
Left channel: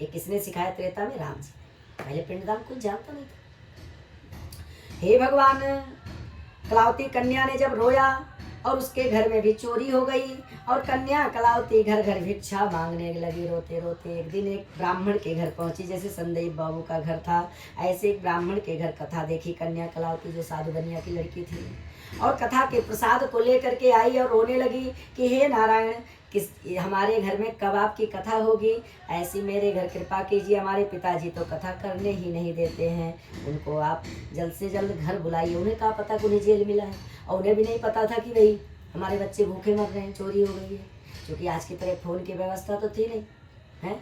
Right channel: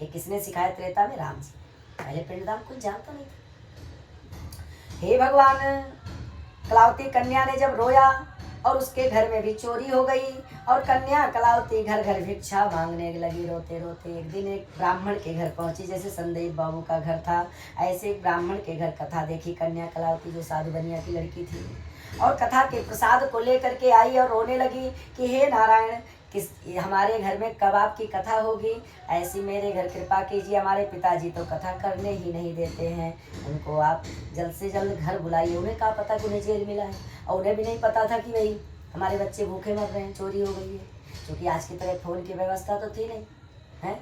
ये किसने सिखाया त्रेता में? राम जी। पहले पिंडदान कुछ जानता नहीं था। हे भगवान, कलावती कन्या ने जब रोया और उसके घर में भी चोरी हो गई, और कन्या कलावती घर घर भिक्षा मांगने लगी रोते रोते। एक दिन एक ब्राह्मण के घर पहुंची, जैसे संदीप बाबू का घर था, ऐसे एक ब्राह्मण के घर कथा देखी। कन्या कलावती जो साधु बनिया की लड़की थी, और कथा के प्रसाद को लेकर के आई और रोने लगी कि हे नारायण, हमारे घर में कब आपकी कथा होगी? ऐसी मेरे घर कृपा कीजिए। हमारे पिताजी तो कथा करने ही नहीं देते हैं, उनको आप जल्द से जल्द घर बुलाइए। उन्हें क्या पता कि उन्हें जेल मिला है, और उन्हें भी नहीं पता था कि भाई हमारे बच्चे भूखे मर रहे हैं, चोरी हो गई है, क्योंकि आज की तरह फ़ोन की व्यवस्था तो थी नहीं है।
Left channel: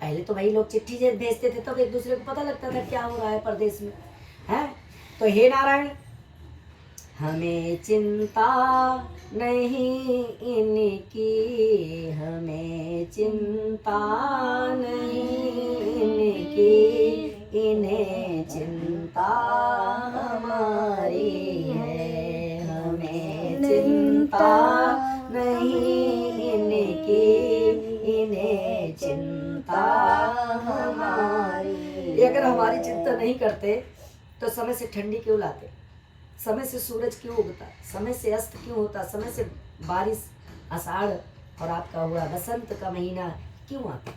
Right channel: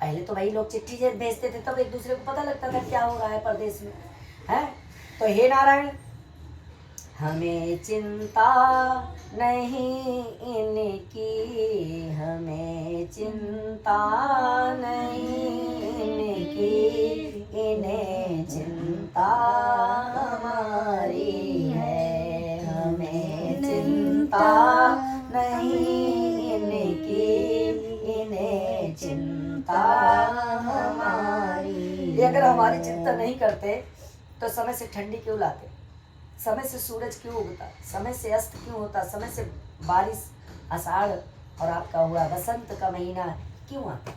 पहले तो भाई लोग चिट्ठी भेजते थे, तब एक दूसरे को पता लगता था क्या हो रहा है परदेश में, है। तो हे नारायण, हमें चिंता नहीं इनकी, हमें चिंता नहीं इनकी, इन्हें चिंता हमारी है। हमें चिंता नहीं इनकी, इन्हें चिंता हमारी। अगर हमारी चिंता नहीं करते तो समय से ठंडी क्यों लाते? समय से सूरज क्यों उगता? समय से अस्त क्यों होता? समय से बारिश आषाढ़ और आपका हुआ बसंत का महीना क्यों आता?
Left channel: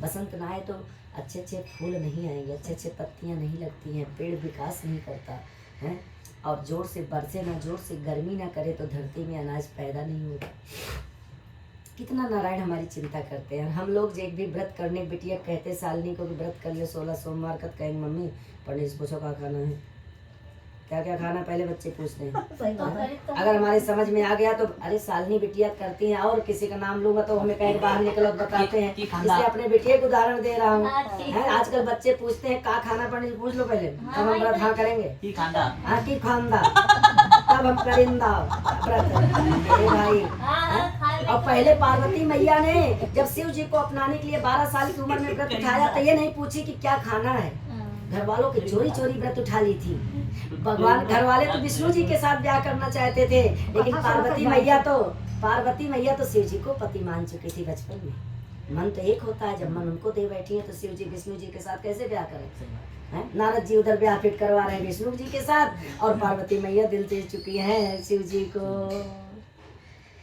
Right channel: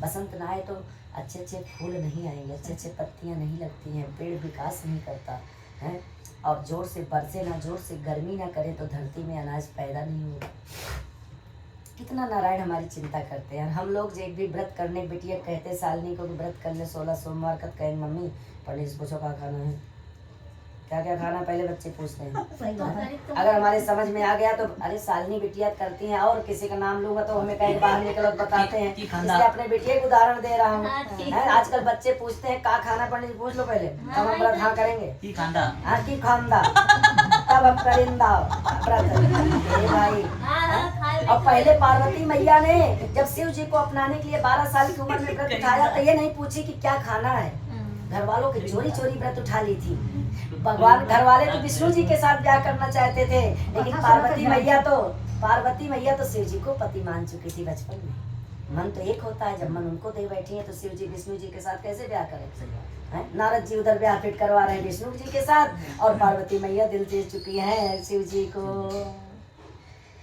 बसंत ना आए तो अच्छे अच्छे फूल नहीं आएंगे, अच्छे अच्छे पत्तियां नहीं लगती हैं, पेड़ विकास नहीं करता है, और जोर से बरसे ना, जोर से गर्मी ना करे तो धरती में अनाज पैदा नहीं होगा। कितना नारायण हमारी चिंता करते हैं। हम लोग जो एक भी व्रत करने बिटिया कहते सालनी को कि व्रत कर ले 16 सोमवार का, कहेंगे मम्मी पंडित से पूछो क्या खाना है, क्या क्या खाना, पहले बच्चे पूछते हैं। अगर हमारे समझ में आ गया तो अरे सालनी बिटिया करती हैं, और किसी का नाम लूंगा तो हमें कहीं बाहर निकलो बताते हैं। इसलिए अपने बिटिया को उदाहरण दे रहा हूँ। आजकल बच्चे पूछते हैं का खाना, पंडित से पूछ लो पहले, तब हम व्रत हाँ करेंगे। की खांदा तब हम करेंदा व्रत भाई। और पहले पार्वती मैया ने जब शिव जी को अपनाने के लिए 12 साल की उम्र में व्रत उठाया तो ये नहीं पूछी कि क्या खाना है, घर वालों के चोरी चोरी व्रत उठा ली थी। भगवान घर वाले तो विष्णु जी के साथ ब्याह करना चाहते थे, लेकिन पार्वती मैया तो शिव जी को पति मान चुकी थी बचपन में। मन तो एक होता है, जब मन उनको दे बैठी है तो शिव जी विष्णु जी के साथ कैसे ब्याह करें। नारद जी उधर ब्याह फिट करवा रहे हैं विष्णु जी के साथ, और पार्वती मैया दिल दे चुकी है शिव जी को।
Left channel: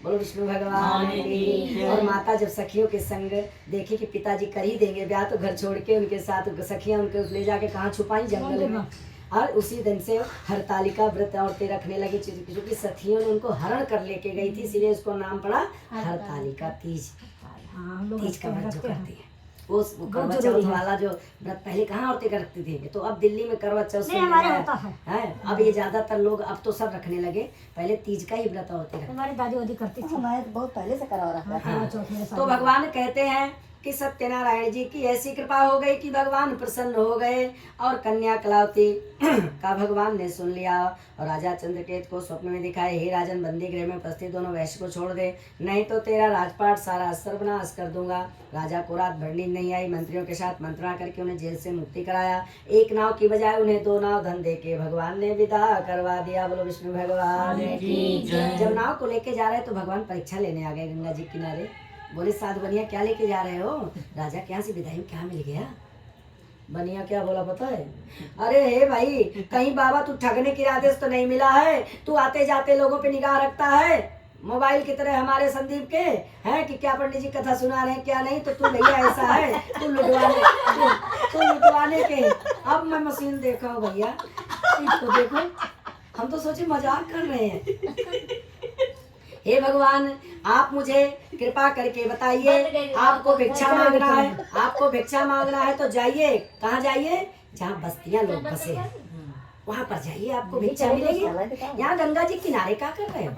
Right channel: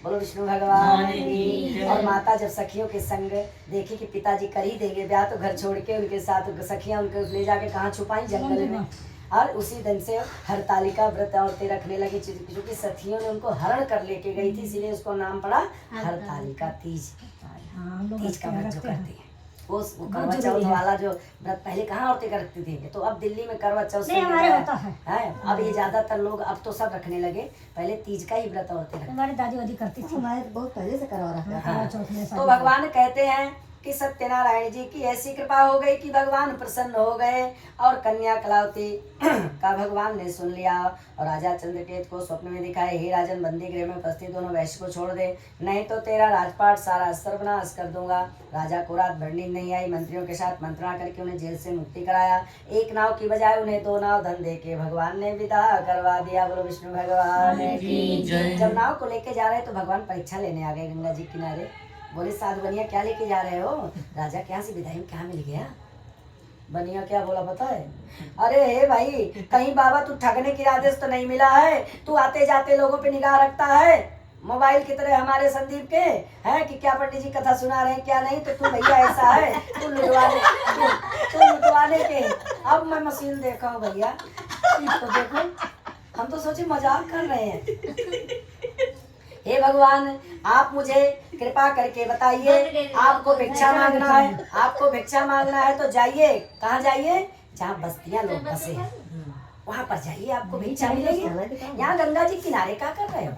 बोलो विष्णु भगवान की। और माता जब सखियों के संग देखी कि पिताजी कर ही देंगे ब्याह, तो घर छोड़ के उनके साथ सखियां उनको ले जाके कहाँ छुपाई, जंगल में। और उसी दिन से हरतालिका व्रत औरतें रखने लगी, क्योंकि सखियों ने उनको हरण कर लेके गई थी, इसीलिए उसको नाम पड़ा हरतालिका तीज। तीज का व्रत जो करती है वो करवा चौथ वाला जो व्रत पहले कहाँ औरतें करती थी, तो अब दिल्ली में करवा चौथ है। अब ये ज्यादातर लोग अब तो सब रखने लगे, पहले तीज का ही व्रत औरतें रखती। हमारी दादी वादी करती थी, हमारे बहुत पहले से करवा रहा है। तो भगवान कहते हैं कि सत्यनारायण जी की ऐसी कृपा हो गई कि भगवान प्रसन्न हो गए, और कन्या कलावती का भगवान ने सुन लिया, और राजा चंद्रकेत को स्वप्न में दिखाए, हे राजन बंदी गृह में उपस्थित दोनों वैश्य को छोड़ दे, नहीं तो तेरा राजपाट सारा सर्वनाश कर दूंगा। राजा को रात भर नींद नहीं आई, मंत्रियों के साथ मंत्रणा करके उन्हें जेल से मुक्ति कराया। एक नाव की बजाय उन्हें 2 नाव धन दे के भगवान ने विदा करवा दिया। बोलो विष्णु भगवान की जय। जब नाव को लेके जा रहे तो भगवान परीक्षा लेने आ गए गंगा जी किनारे। बोले साध बनिया क्या लेके जा रहे हो? राजा के यहाँ से विदाई में क्या मिल गया? बनिया क्या बोला पता है? अरे हे भाई, कहीं बाबा तू ठगने के इरादे से तो नहीं मिला है, तू आते जाते लोगों पे निगाह रखता है मोबाइल की तरह हमारे संदीप के हैं कि क्या पंडित जी कथा सुना रहे हैं क्या नहीं, तो तू भैया ऐसा है, तू लुटवाने के। अब मैं मशीन देखा हूँ भैया, तो देखो हम तो सोचे मजाक कर रहे हैं। हे भगवान, आप मुझे कृपा करके बताइए, आपको भिक्षा मांगना है, आपको भिक्षा मांगना है तो जाइए। कहाँ जाइए? जहाँ बस्तियाँ लोग बसे वहाँ पर जाइए, आपको भिक्षा मिलेगी। यहाँ गंगा जी किनारे क्या कर रहे हैं?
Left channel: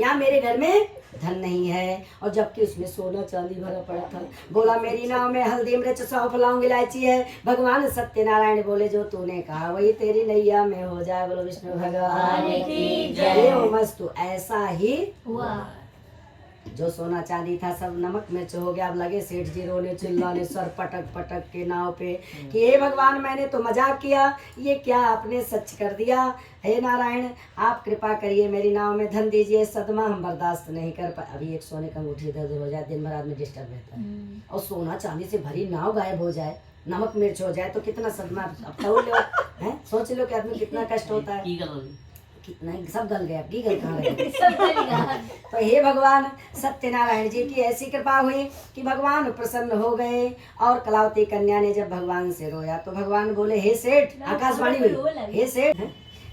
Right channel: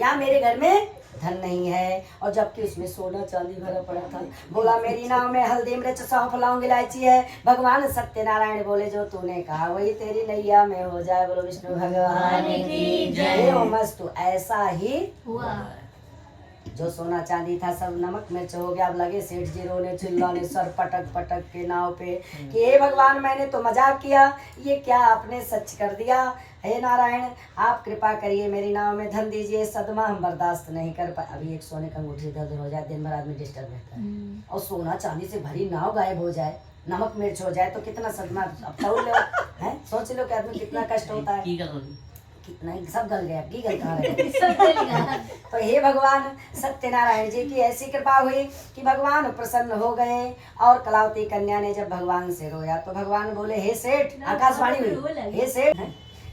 यहाँ मेरे घर में धन नहीं है, और जबकि उसमें सोना चांदी भरा पड़ा था। बोला मेरी नाव में हल्दी मिर्च सौंफ लौंग इलायची है। भगवान सत्यनारायण बोले जो तूने कहा वही तेरी नैया में हो जाए। बोलो विष्णु भगवान की जय। मस्तु ऐसा ही हुआ। जो सोना चांदी था सब नमक मिर्च हो गया। अब लगे सेठ जी रोने चिल्लाने सर पटक पटक के नाव पे कि हे भगवान, मैंने तो मजाक किया, ये क्या आपने सच कर दिया। हे नारायण, आप कृपा करिए, मेरी नाव में धन दीजिए, सदमा हम बर्दाश्त नहीं कर पा। अभी एक सोने का अंगूठी इधर उधर हो जाए, दिन भर आदमी डिस्टर्ब रहता है, और सोना चांदी से भरी नाव गायब हो जाए, नमक मिर्च हो जाए तो कितना सदमा। अब तो है, सोच लो कि आदमी कितना कष्ट होता है। नहीं सब गल गए, अब की गल कहाँ रहे। तो हे भगवान सत्यनारायण जी की ऐसी कृपा हुई कि भगवान प्रसन्न हो गए। और कलावती कन्या ने जब भगवान से रोया तो भगवान बोले हे सेठ, आकाशवाणी हुई, हे सेठ,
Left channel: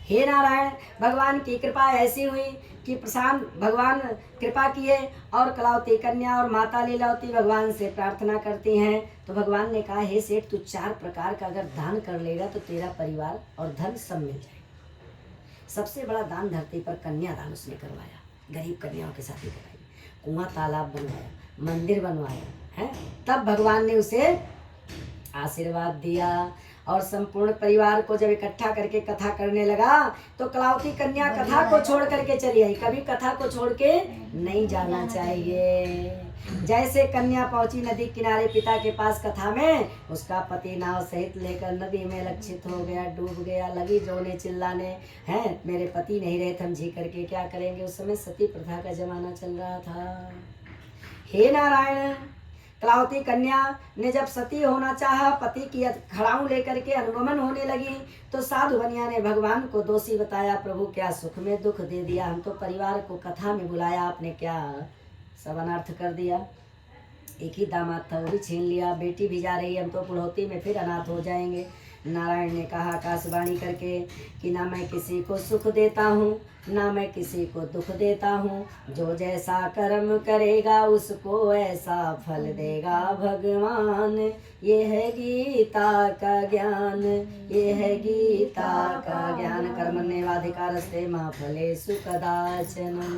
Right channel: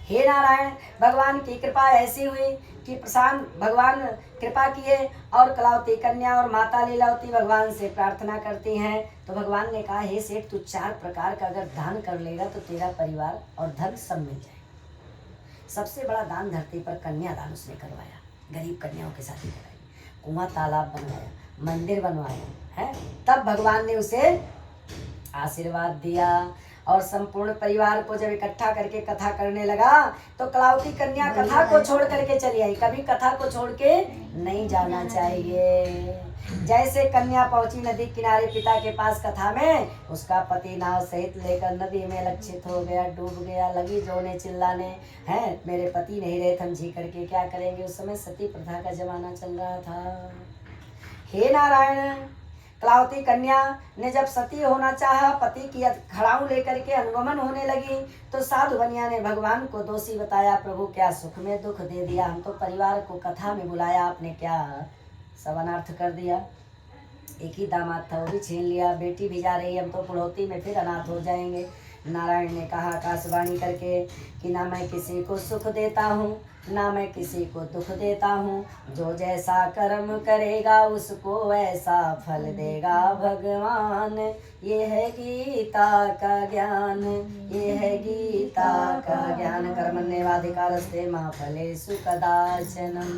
हे नारायण, भगवान की कृपा ऐसी हुई कि प्रसन्न भगवान कृपा किए। और कलावती कन्या और माता लीलावती भगवान से प्रार्थना करती हैं। तो भगवान ने कहा हे सेठ, तू 4 प्रकार का अगर दान कर लेगा तो तेरा परिवार और धन सब मिल जाए। सबसे बड़ा दान धरती पर कन्यादान उसने करवाया, गरीब कन्याओं के साथ ही कराई, कुआं तालाब बनवाया, मंदिर बनवाया है। तब भगवान ने उसे आशीर्वाद दिया। और संपूर्ण परिवार को जब इकट्ठा करके कथा करने लगा तो कलावती कन्या कथा को छोड़ करके चली आई। कभी कथा को छोड़ के नहीं जाना चाहिए। जैसे कन्या पहुंची नदी किनारे पिता के पास कथा में, उसका पति नाव सहित लेकर नदी में लक्षित हो गया, डूब गया। लगी जोने चिल्लाने, हैं मेरे पति नहीं रहे, हम जी करके क्या करेंगे। उस समय सती प्रथा का जमाना चल रहा था। हे नारायण, कलावती कन्या ने जब सती होना चाहा, पति की खड़ाऊ लेकर के अनुगमन होने लगी, तो साधु बनिया ने भगवान को दोषी बताया। प्रभु क्या सुख में दुख दे दिया, हम तो परिवार को कथा में बुलाया, आपने क्या सब अनर्थ कर दिया। एक ही दामाद था, वो भी छीन लिया, बेटी भी जा रही है, हम तो बुढ़ौती में फिर अनाथ हो जाएंगे। नारायण ने कहा आकाशवाणी करके कि ना मैं किसी को सुख देता हूँ, ना मैं किसी को दुख देता हूँ, जो जैसा कर्म करेगा उसको ऐसा फल देगा भगवान। ये है गीता का ज्ञान, ये है गीता का ज्ञान। कर्मण्येवाधिकारस्ते मा फलेषु कदाचनम।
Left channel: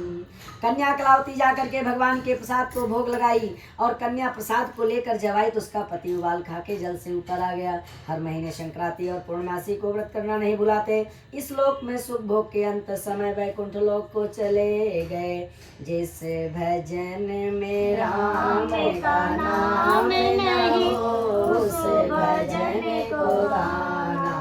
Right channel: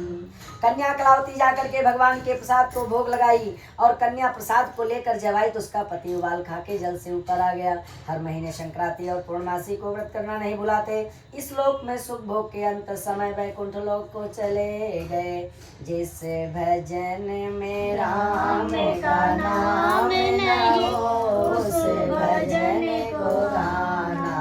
कन्या कलावती जाकर के भगवान के प्रसाद को भोग लगाई और कन्या प्रसाद को लेकर जब आई तो उसका पति उबाल खा के जल से ऊपर आ गया। हर महीने संक्रांति और पूर्णमासी को व्रत करना नहीं भुलाते। इस लोक में सुख भोग के अंत समय वैकुंठ लोक को चले गए। जिस भजन में राम का नाम नहीं उस भजन को गाना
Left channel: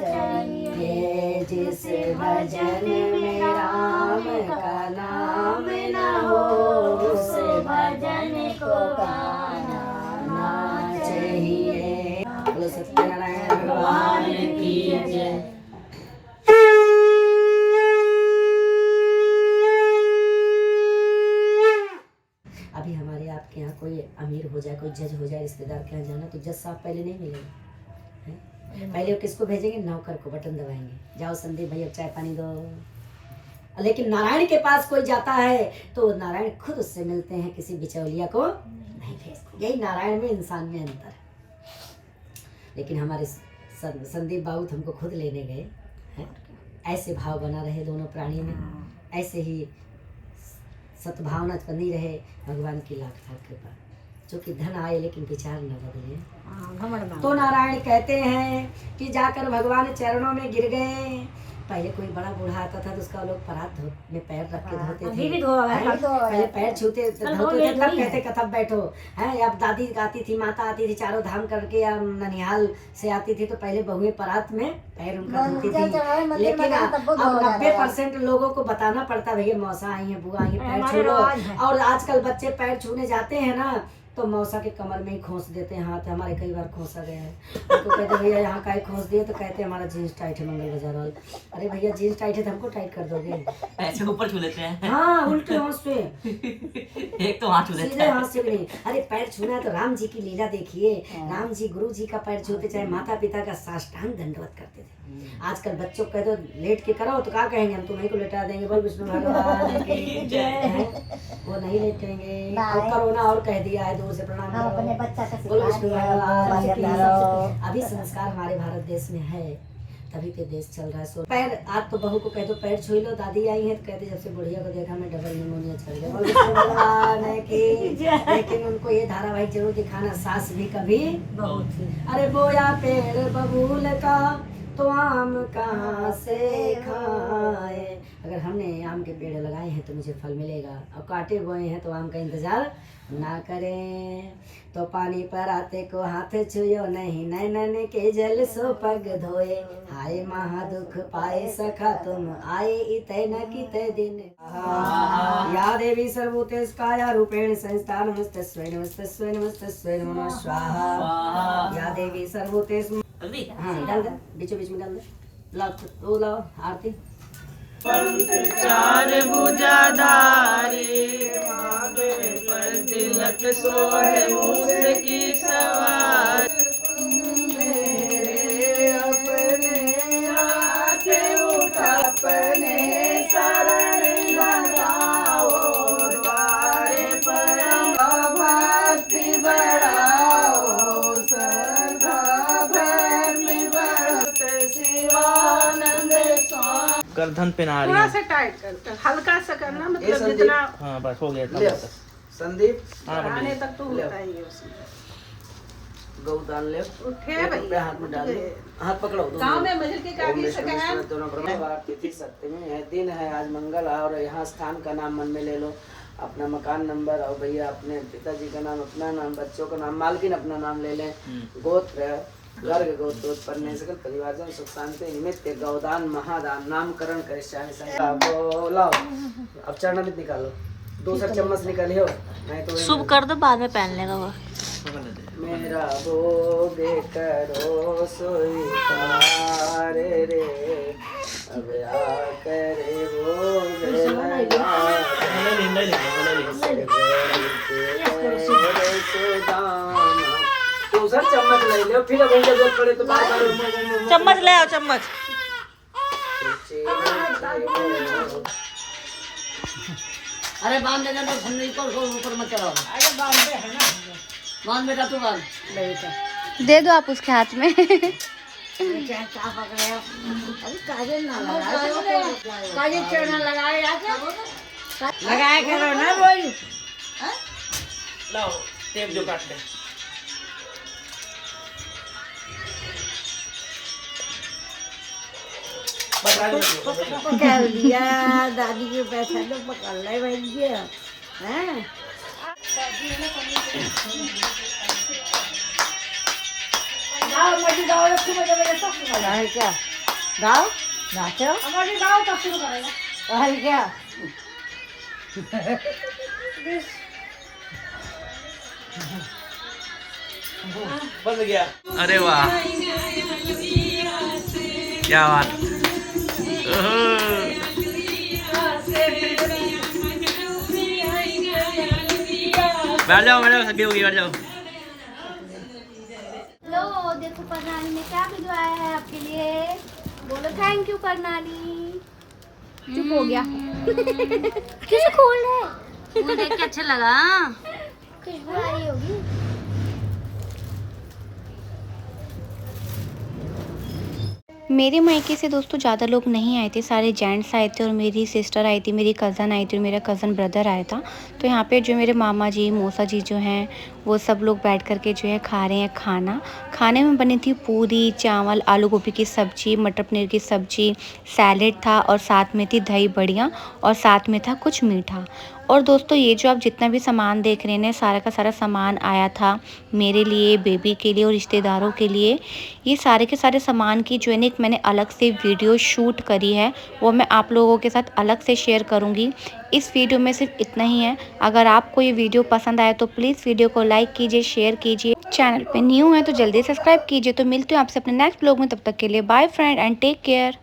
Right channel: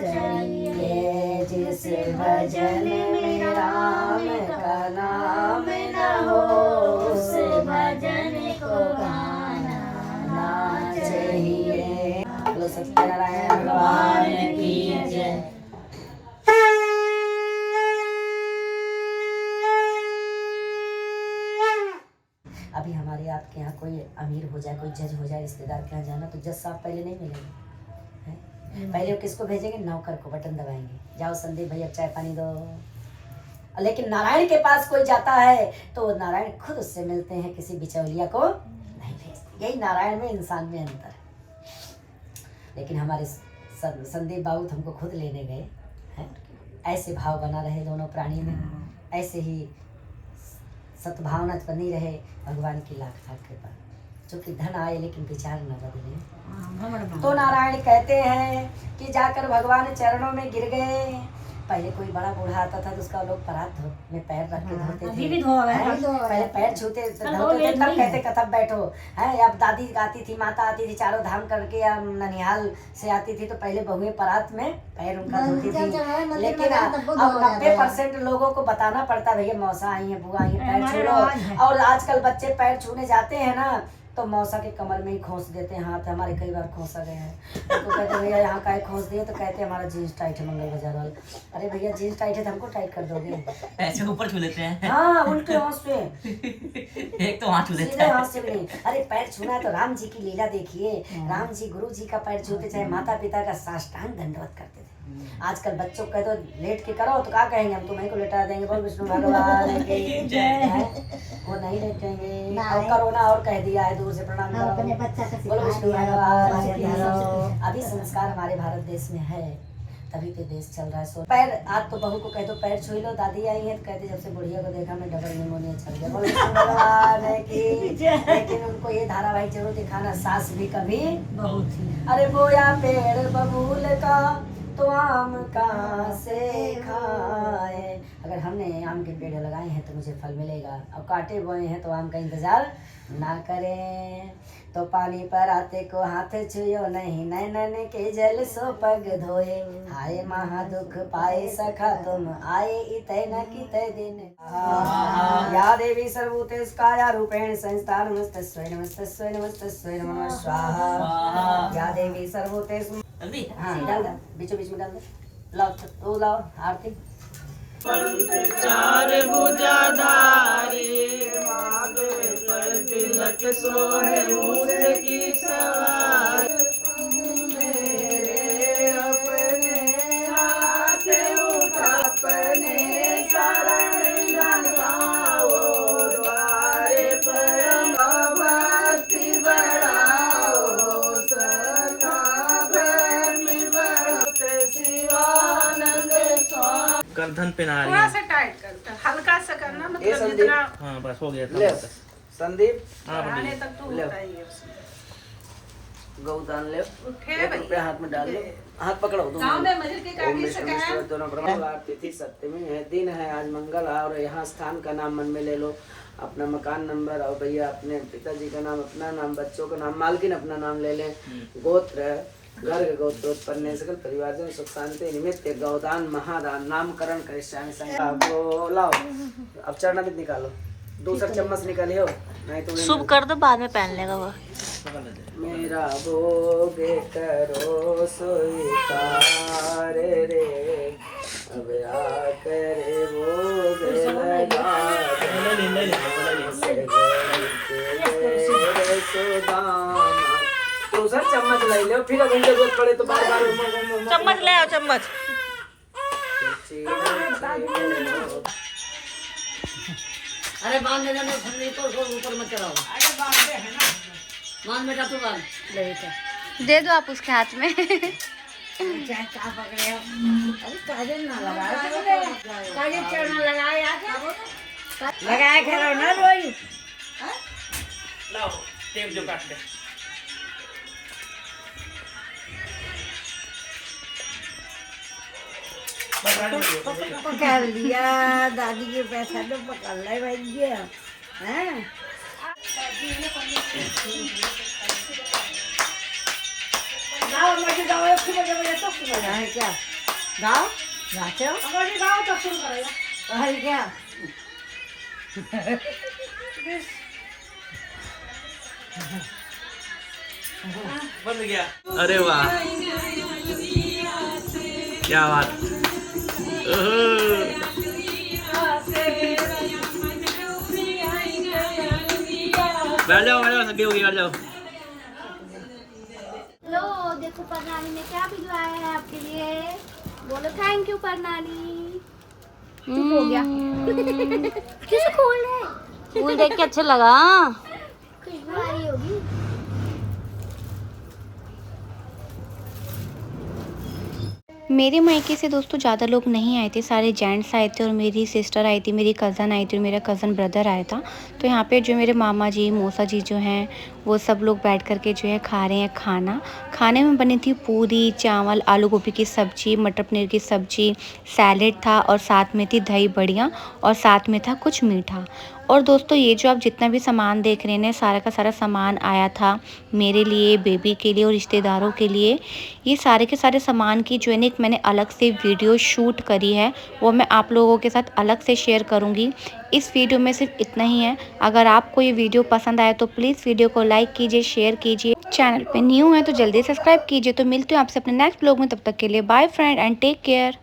चाहिए। जिस भजन में राम का नाम न हो उस भजन को गाना चाहिए। बोलो सत्यनारायण भगवान की जय। अभी हमारे आपके यहाँ कोई अमीर हो जाए, कोई जज हो जाए, रिश्तेदार के यहाँ जाना तो जज साहब पहले नहीं मिलेंगे हैं? पहले वो किसको भेजेंगे? नौकर को, बटन दबाएंगे, जाओ संदीप भैया चाय पानी दो। लेकिन नारायण के पास कोई जाता है तो नारायण खुद उससे मिलते हैं, किसी बिचौलिया को नहीं भेजते। यही नारायण में इंसान में अंतर है। लेकिन हमारे संदीप बाबू हमको खुद लेने गए हैं। ऐसे भाव बना रहे दोनों प्राणी में, ऐसे ही सद्भावना बनी रहे। भगवान की लाख लाख कृपा। जो कि धन आए लेकिन विचार न बदले। तो नारायण कहते हैं कि जाकर भगवान चरणों में गिर गए। पहले कोई बड़ा बूढ़ा आता था तो उसका लोग परात में पैर रख के धोते थे। पहले पैर छूते धोते थे, तब कहते कथब बैठो है। अब दादी आती थी, माता आती थी, चारों धाम करके या ननिहाल से आती थी तो पहले बहुएं परात में पैर उनका धोती थी। लेकिन अब 90% लोगों को बताना पड़ता भैया मौसा आई है, बुआ आई है, पैर छू लो। और आजकल बच्चे पैर छूने जाते हैं ना तो मौसा के कमर में ही खोस देते हैं हाथ। हमारे कई बार खोसा गए हैं। उनको कहते भैया यहाँ का खोस दिए तो कहते हमारा जीन्स टाइट है मंगल बाजार वाले। अरे भैया जीन्स टाइट है तो हमको टाइट कर दोगे? ऐसे ऊपर छू लेते हैं। हाँ उल्टे हाथ से, एक तो हाथ छू लेते सीधे हाथ से नहीं। अरे पैर छूना है तो राम जी की लीला देखिए। राम जी गुरु जी का पैर छूते, चाहे माता पिता का साष्टांग दंडवत करते थे। आजकल बच्चों को कह दो लेट के करो तो क्या कहेंगे? हम तुम्हें को लेटा देंगे। बोल विष्णु भगवान की जय। वो नहीं लेटेंगे। अब कोरोना और कह दिया है दूर से प्रणाम करो। बोलो विष्णु भगवान की जय। अभी संस्कार हमारे भारत देश में है, तभी तो देश चल रहा है। सो पैर आज तो बहू को कह दो पैर छू लो। दादी आई है तो कहते जब से बुढ़िया को देखा मैं डबल निमोनिया चल गया। बोलो विष्णु भगवान की जय। लेकिन उनको ये धारावाहिक जरूर दिखाना, सास भी कभी। अरे बोया पेड़ बबूल का तो आम कहाँ से खाए। अगर हमने आम के पेड़ लगाए हैं तो मुझे फल मिलेगा, और काटे बोए हैं तो आम का इंतजार ना करें। तो पानी पर आते को हाथ छुयो नहीं, नैनन के जल सो पग धोए। हाय महा दुख पाए सखा तुम आए इतै न कितै दिन। या देवी सर्वभूतेस्काया रूपेण संस्था नमस्तस्यै नमस्तस्यै नमस्तस्यै नमः स्वाहा। या देवी सर्वभूतेस्। हाँ डाल दो, बीचों बीच में डाल दो। लाओ वो लाओ आरती। चार भुजाधारी महादेव पर तिलक सोहे मूस की सवार। मेरे अपने हाथ उठा अपने शरण लगाओ, द्वारे पर भक्ति बढ़ाओ, सदा प्रेम बढ़ते शिवानंद स्वामी। गर्दन पे ना रही थोड़ा है। सा टाइट कर, हल्का सा करना, मतलब जितना हाँ बस हो गया ले इतना बस। संदीप हाँ आने बस। तक तो होता ही है उसमें। गौदान ले। उठे एक भैया। रुपया हाथ में डाल दो, हाथ पकड़ो दोनों। गाँव में मंजिल के काटी ओम सकाया। विश्वेश्वर दोनों ब्रह्म तिथि सप्तमी है, दिन है आज मंगल, और यहाँ स्थान का नाम मन में ले लो, अपना मकान नंबर, और भैया अपने पिताजी का नाम, अपना नाम, बच्चों का नाम, मालकिन अपना नाम ले लें, गोत्र गर्ग गोत्रोत्पन्न सकल परिवारजन सुख शांति निमित्त गौदान महादान नामकरण करिष्यामि संकल्प। को लाओ अब चरणामृत निकालो, दूसरा चम्मच निकालियो नहीं तो शुभ कर दो, बाद में पहन लेगा वो। मेरा भोग करो स्वीकार रे, अब आकर भोग लगा दूसरा चम्मच ले लो, फिर अगर जरूरत पड़े तो बार बार चम्मच ले आओ, चम्मच। अरे बांध दे ना हमने तो ऊपर मत चढ़ाओ। बांध बेटा तू बांध। दे दो आप उसके हाथ में। क्या क्या पकड़े हो? अरे काजल ना लगाओ तुमने। काजल क्यों ना लगाओ यार? लगाया करो ना रोज। लाओ टेप जो काट ले। पकड़ लिया दादी के पैसा तो पकड़ ले भैया हैं। गाओ मर्जी गाओ एक सुबह जब बजे तक शुरू है क्या? गाओ नाचो मर्जी गाओ तब शुरू करेगा है क्या? बंद गया। अरे वाह क्या बात। बैठ जाओ सभी होगी बैठ जाओ। लो देखो प्रणाली ने क्या भिजवाया है आपके लिए। बोलो थैंक यू प्रणाली। चुप हो गया। किसे खोल रहे? फूल देख के अच्छा लगा। खुशबू आ रही होगी। मेरे मायके से दोस्तों ज़्यादा लोग नहीं आए थे, सारे जेंट्स आए थे और मेरी सिस्टर आई थी, मेरी कज़न आई थी और मेरा कज़न ब्रदर आया था। तो यहाँ पे जो मेरे मामा जी मौसा जी जो हैं वो सब लोग बैठ कर के जो है खा रहे हैं खाना। खाने में बनी थी पूरी, चावल, आलू गोभी की सब्ज़ी, मटर पनीर की सब्ज़ी, सैलेड था और साथ में थी दही बड़ियाँ और साथ में था कुछ मीठा। और दोस्तों ये जो आप जितना भी सामान देख रहे हैं सारा का सारा सामान आया था मेरे लिए, बेबी के लिए और रिश्तेदारों के लिए। ये सारे के सारे सामान की जो है एक मैंने अलग से वीडियो शूट करी है, वो मैं आप लोगों के साथ अलग से शेयर करूंगी। इस वीडियो में सिर्फ इतना ही है। अगर आपको ये वीडियो पसंद आए तो प्लीज़ वीडियो को लाइक कीजिए, शेयर कीजिए। चैनल पे न्यू है तो जल्दी सब्सक्राइब कीजिए। तो मिलते हैं आपसे अपने नेक्स्ट ब्लॉग में, तब तक के लिए bye friend and take care.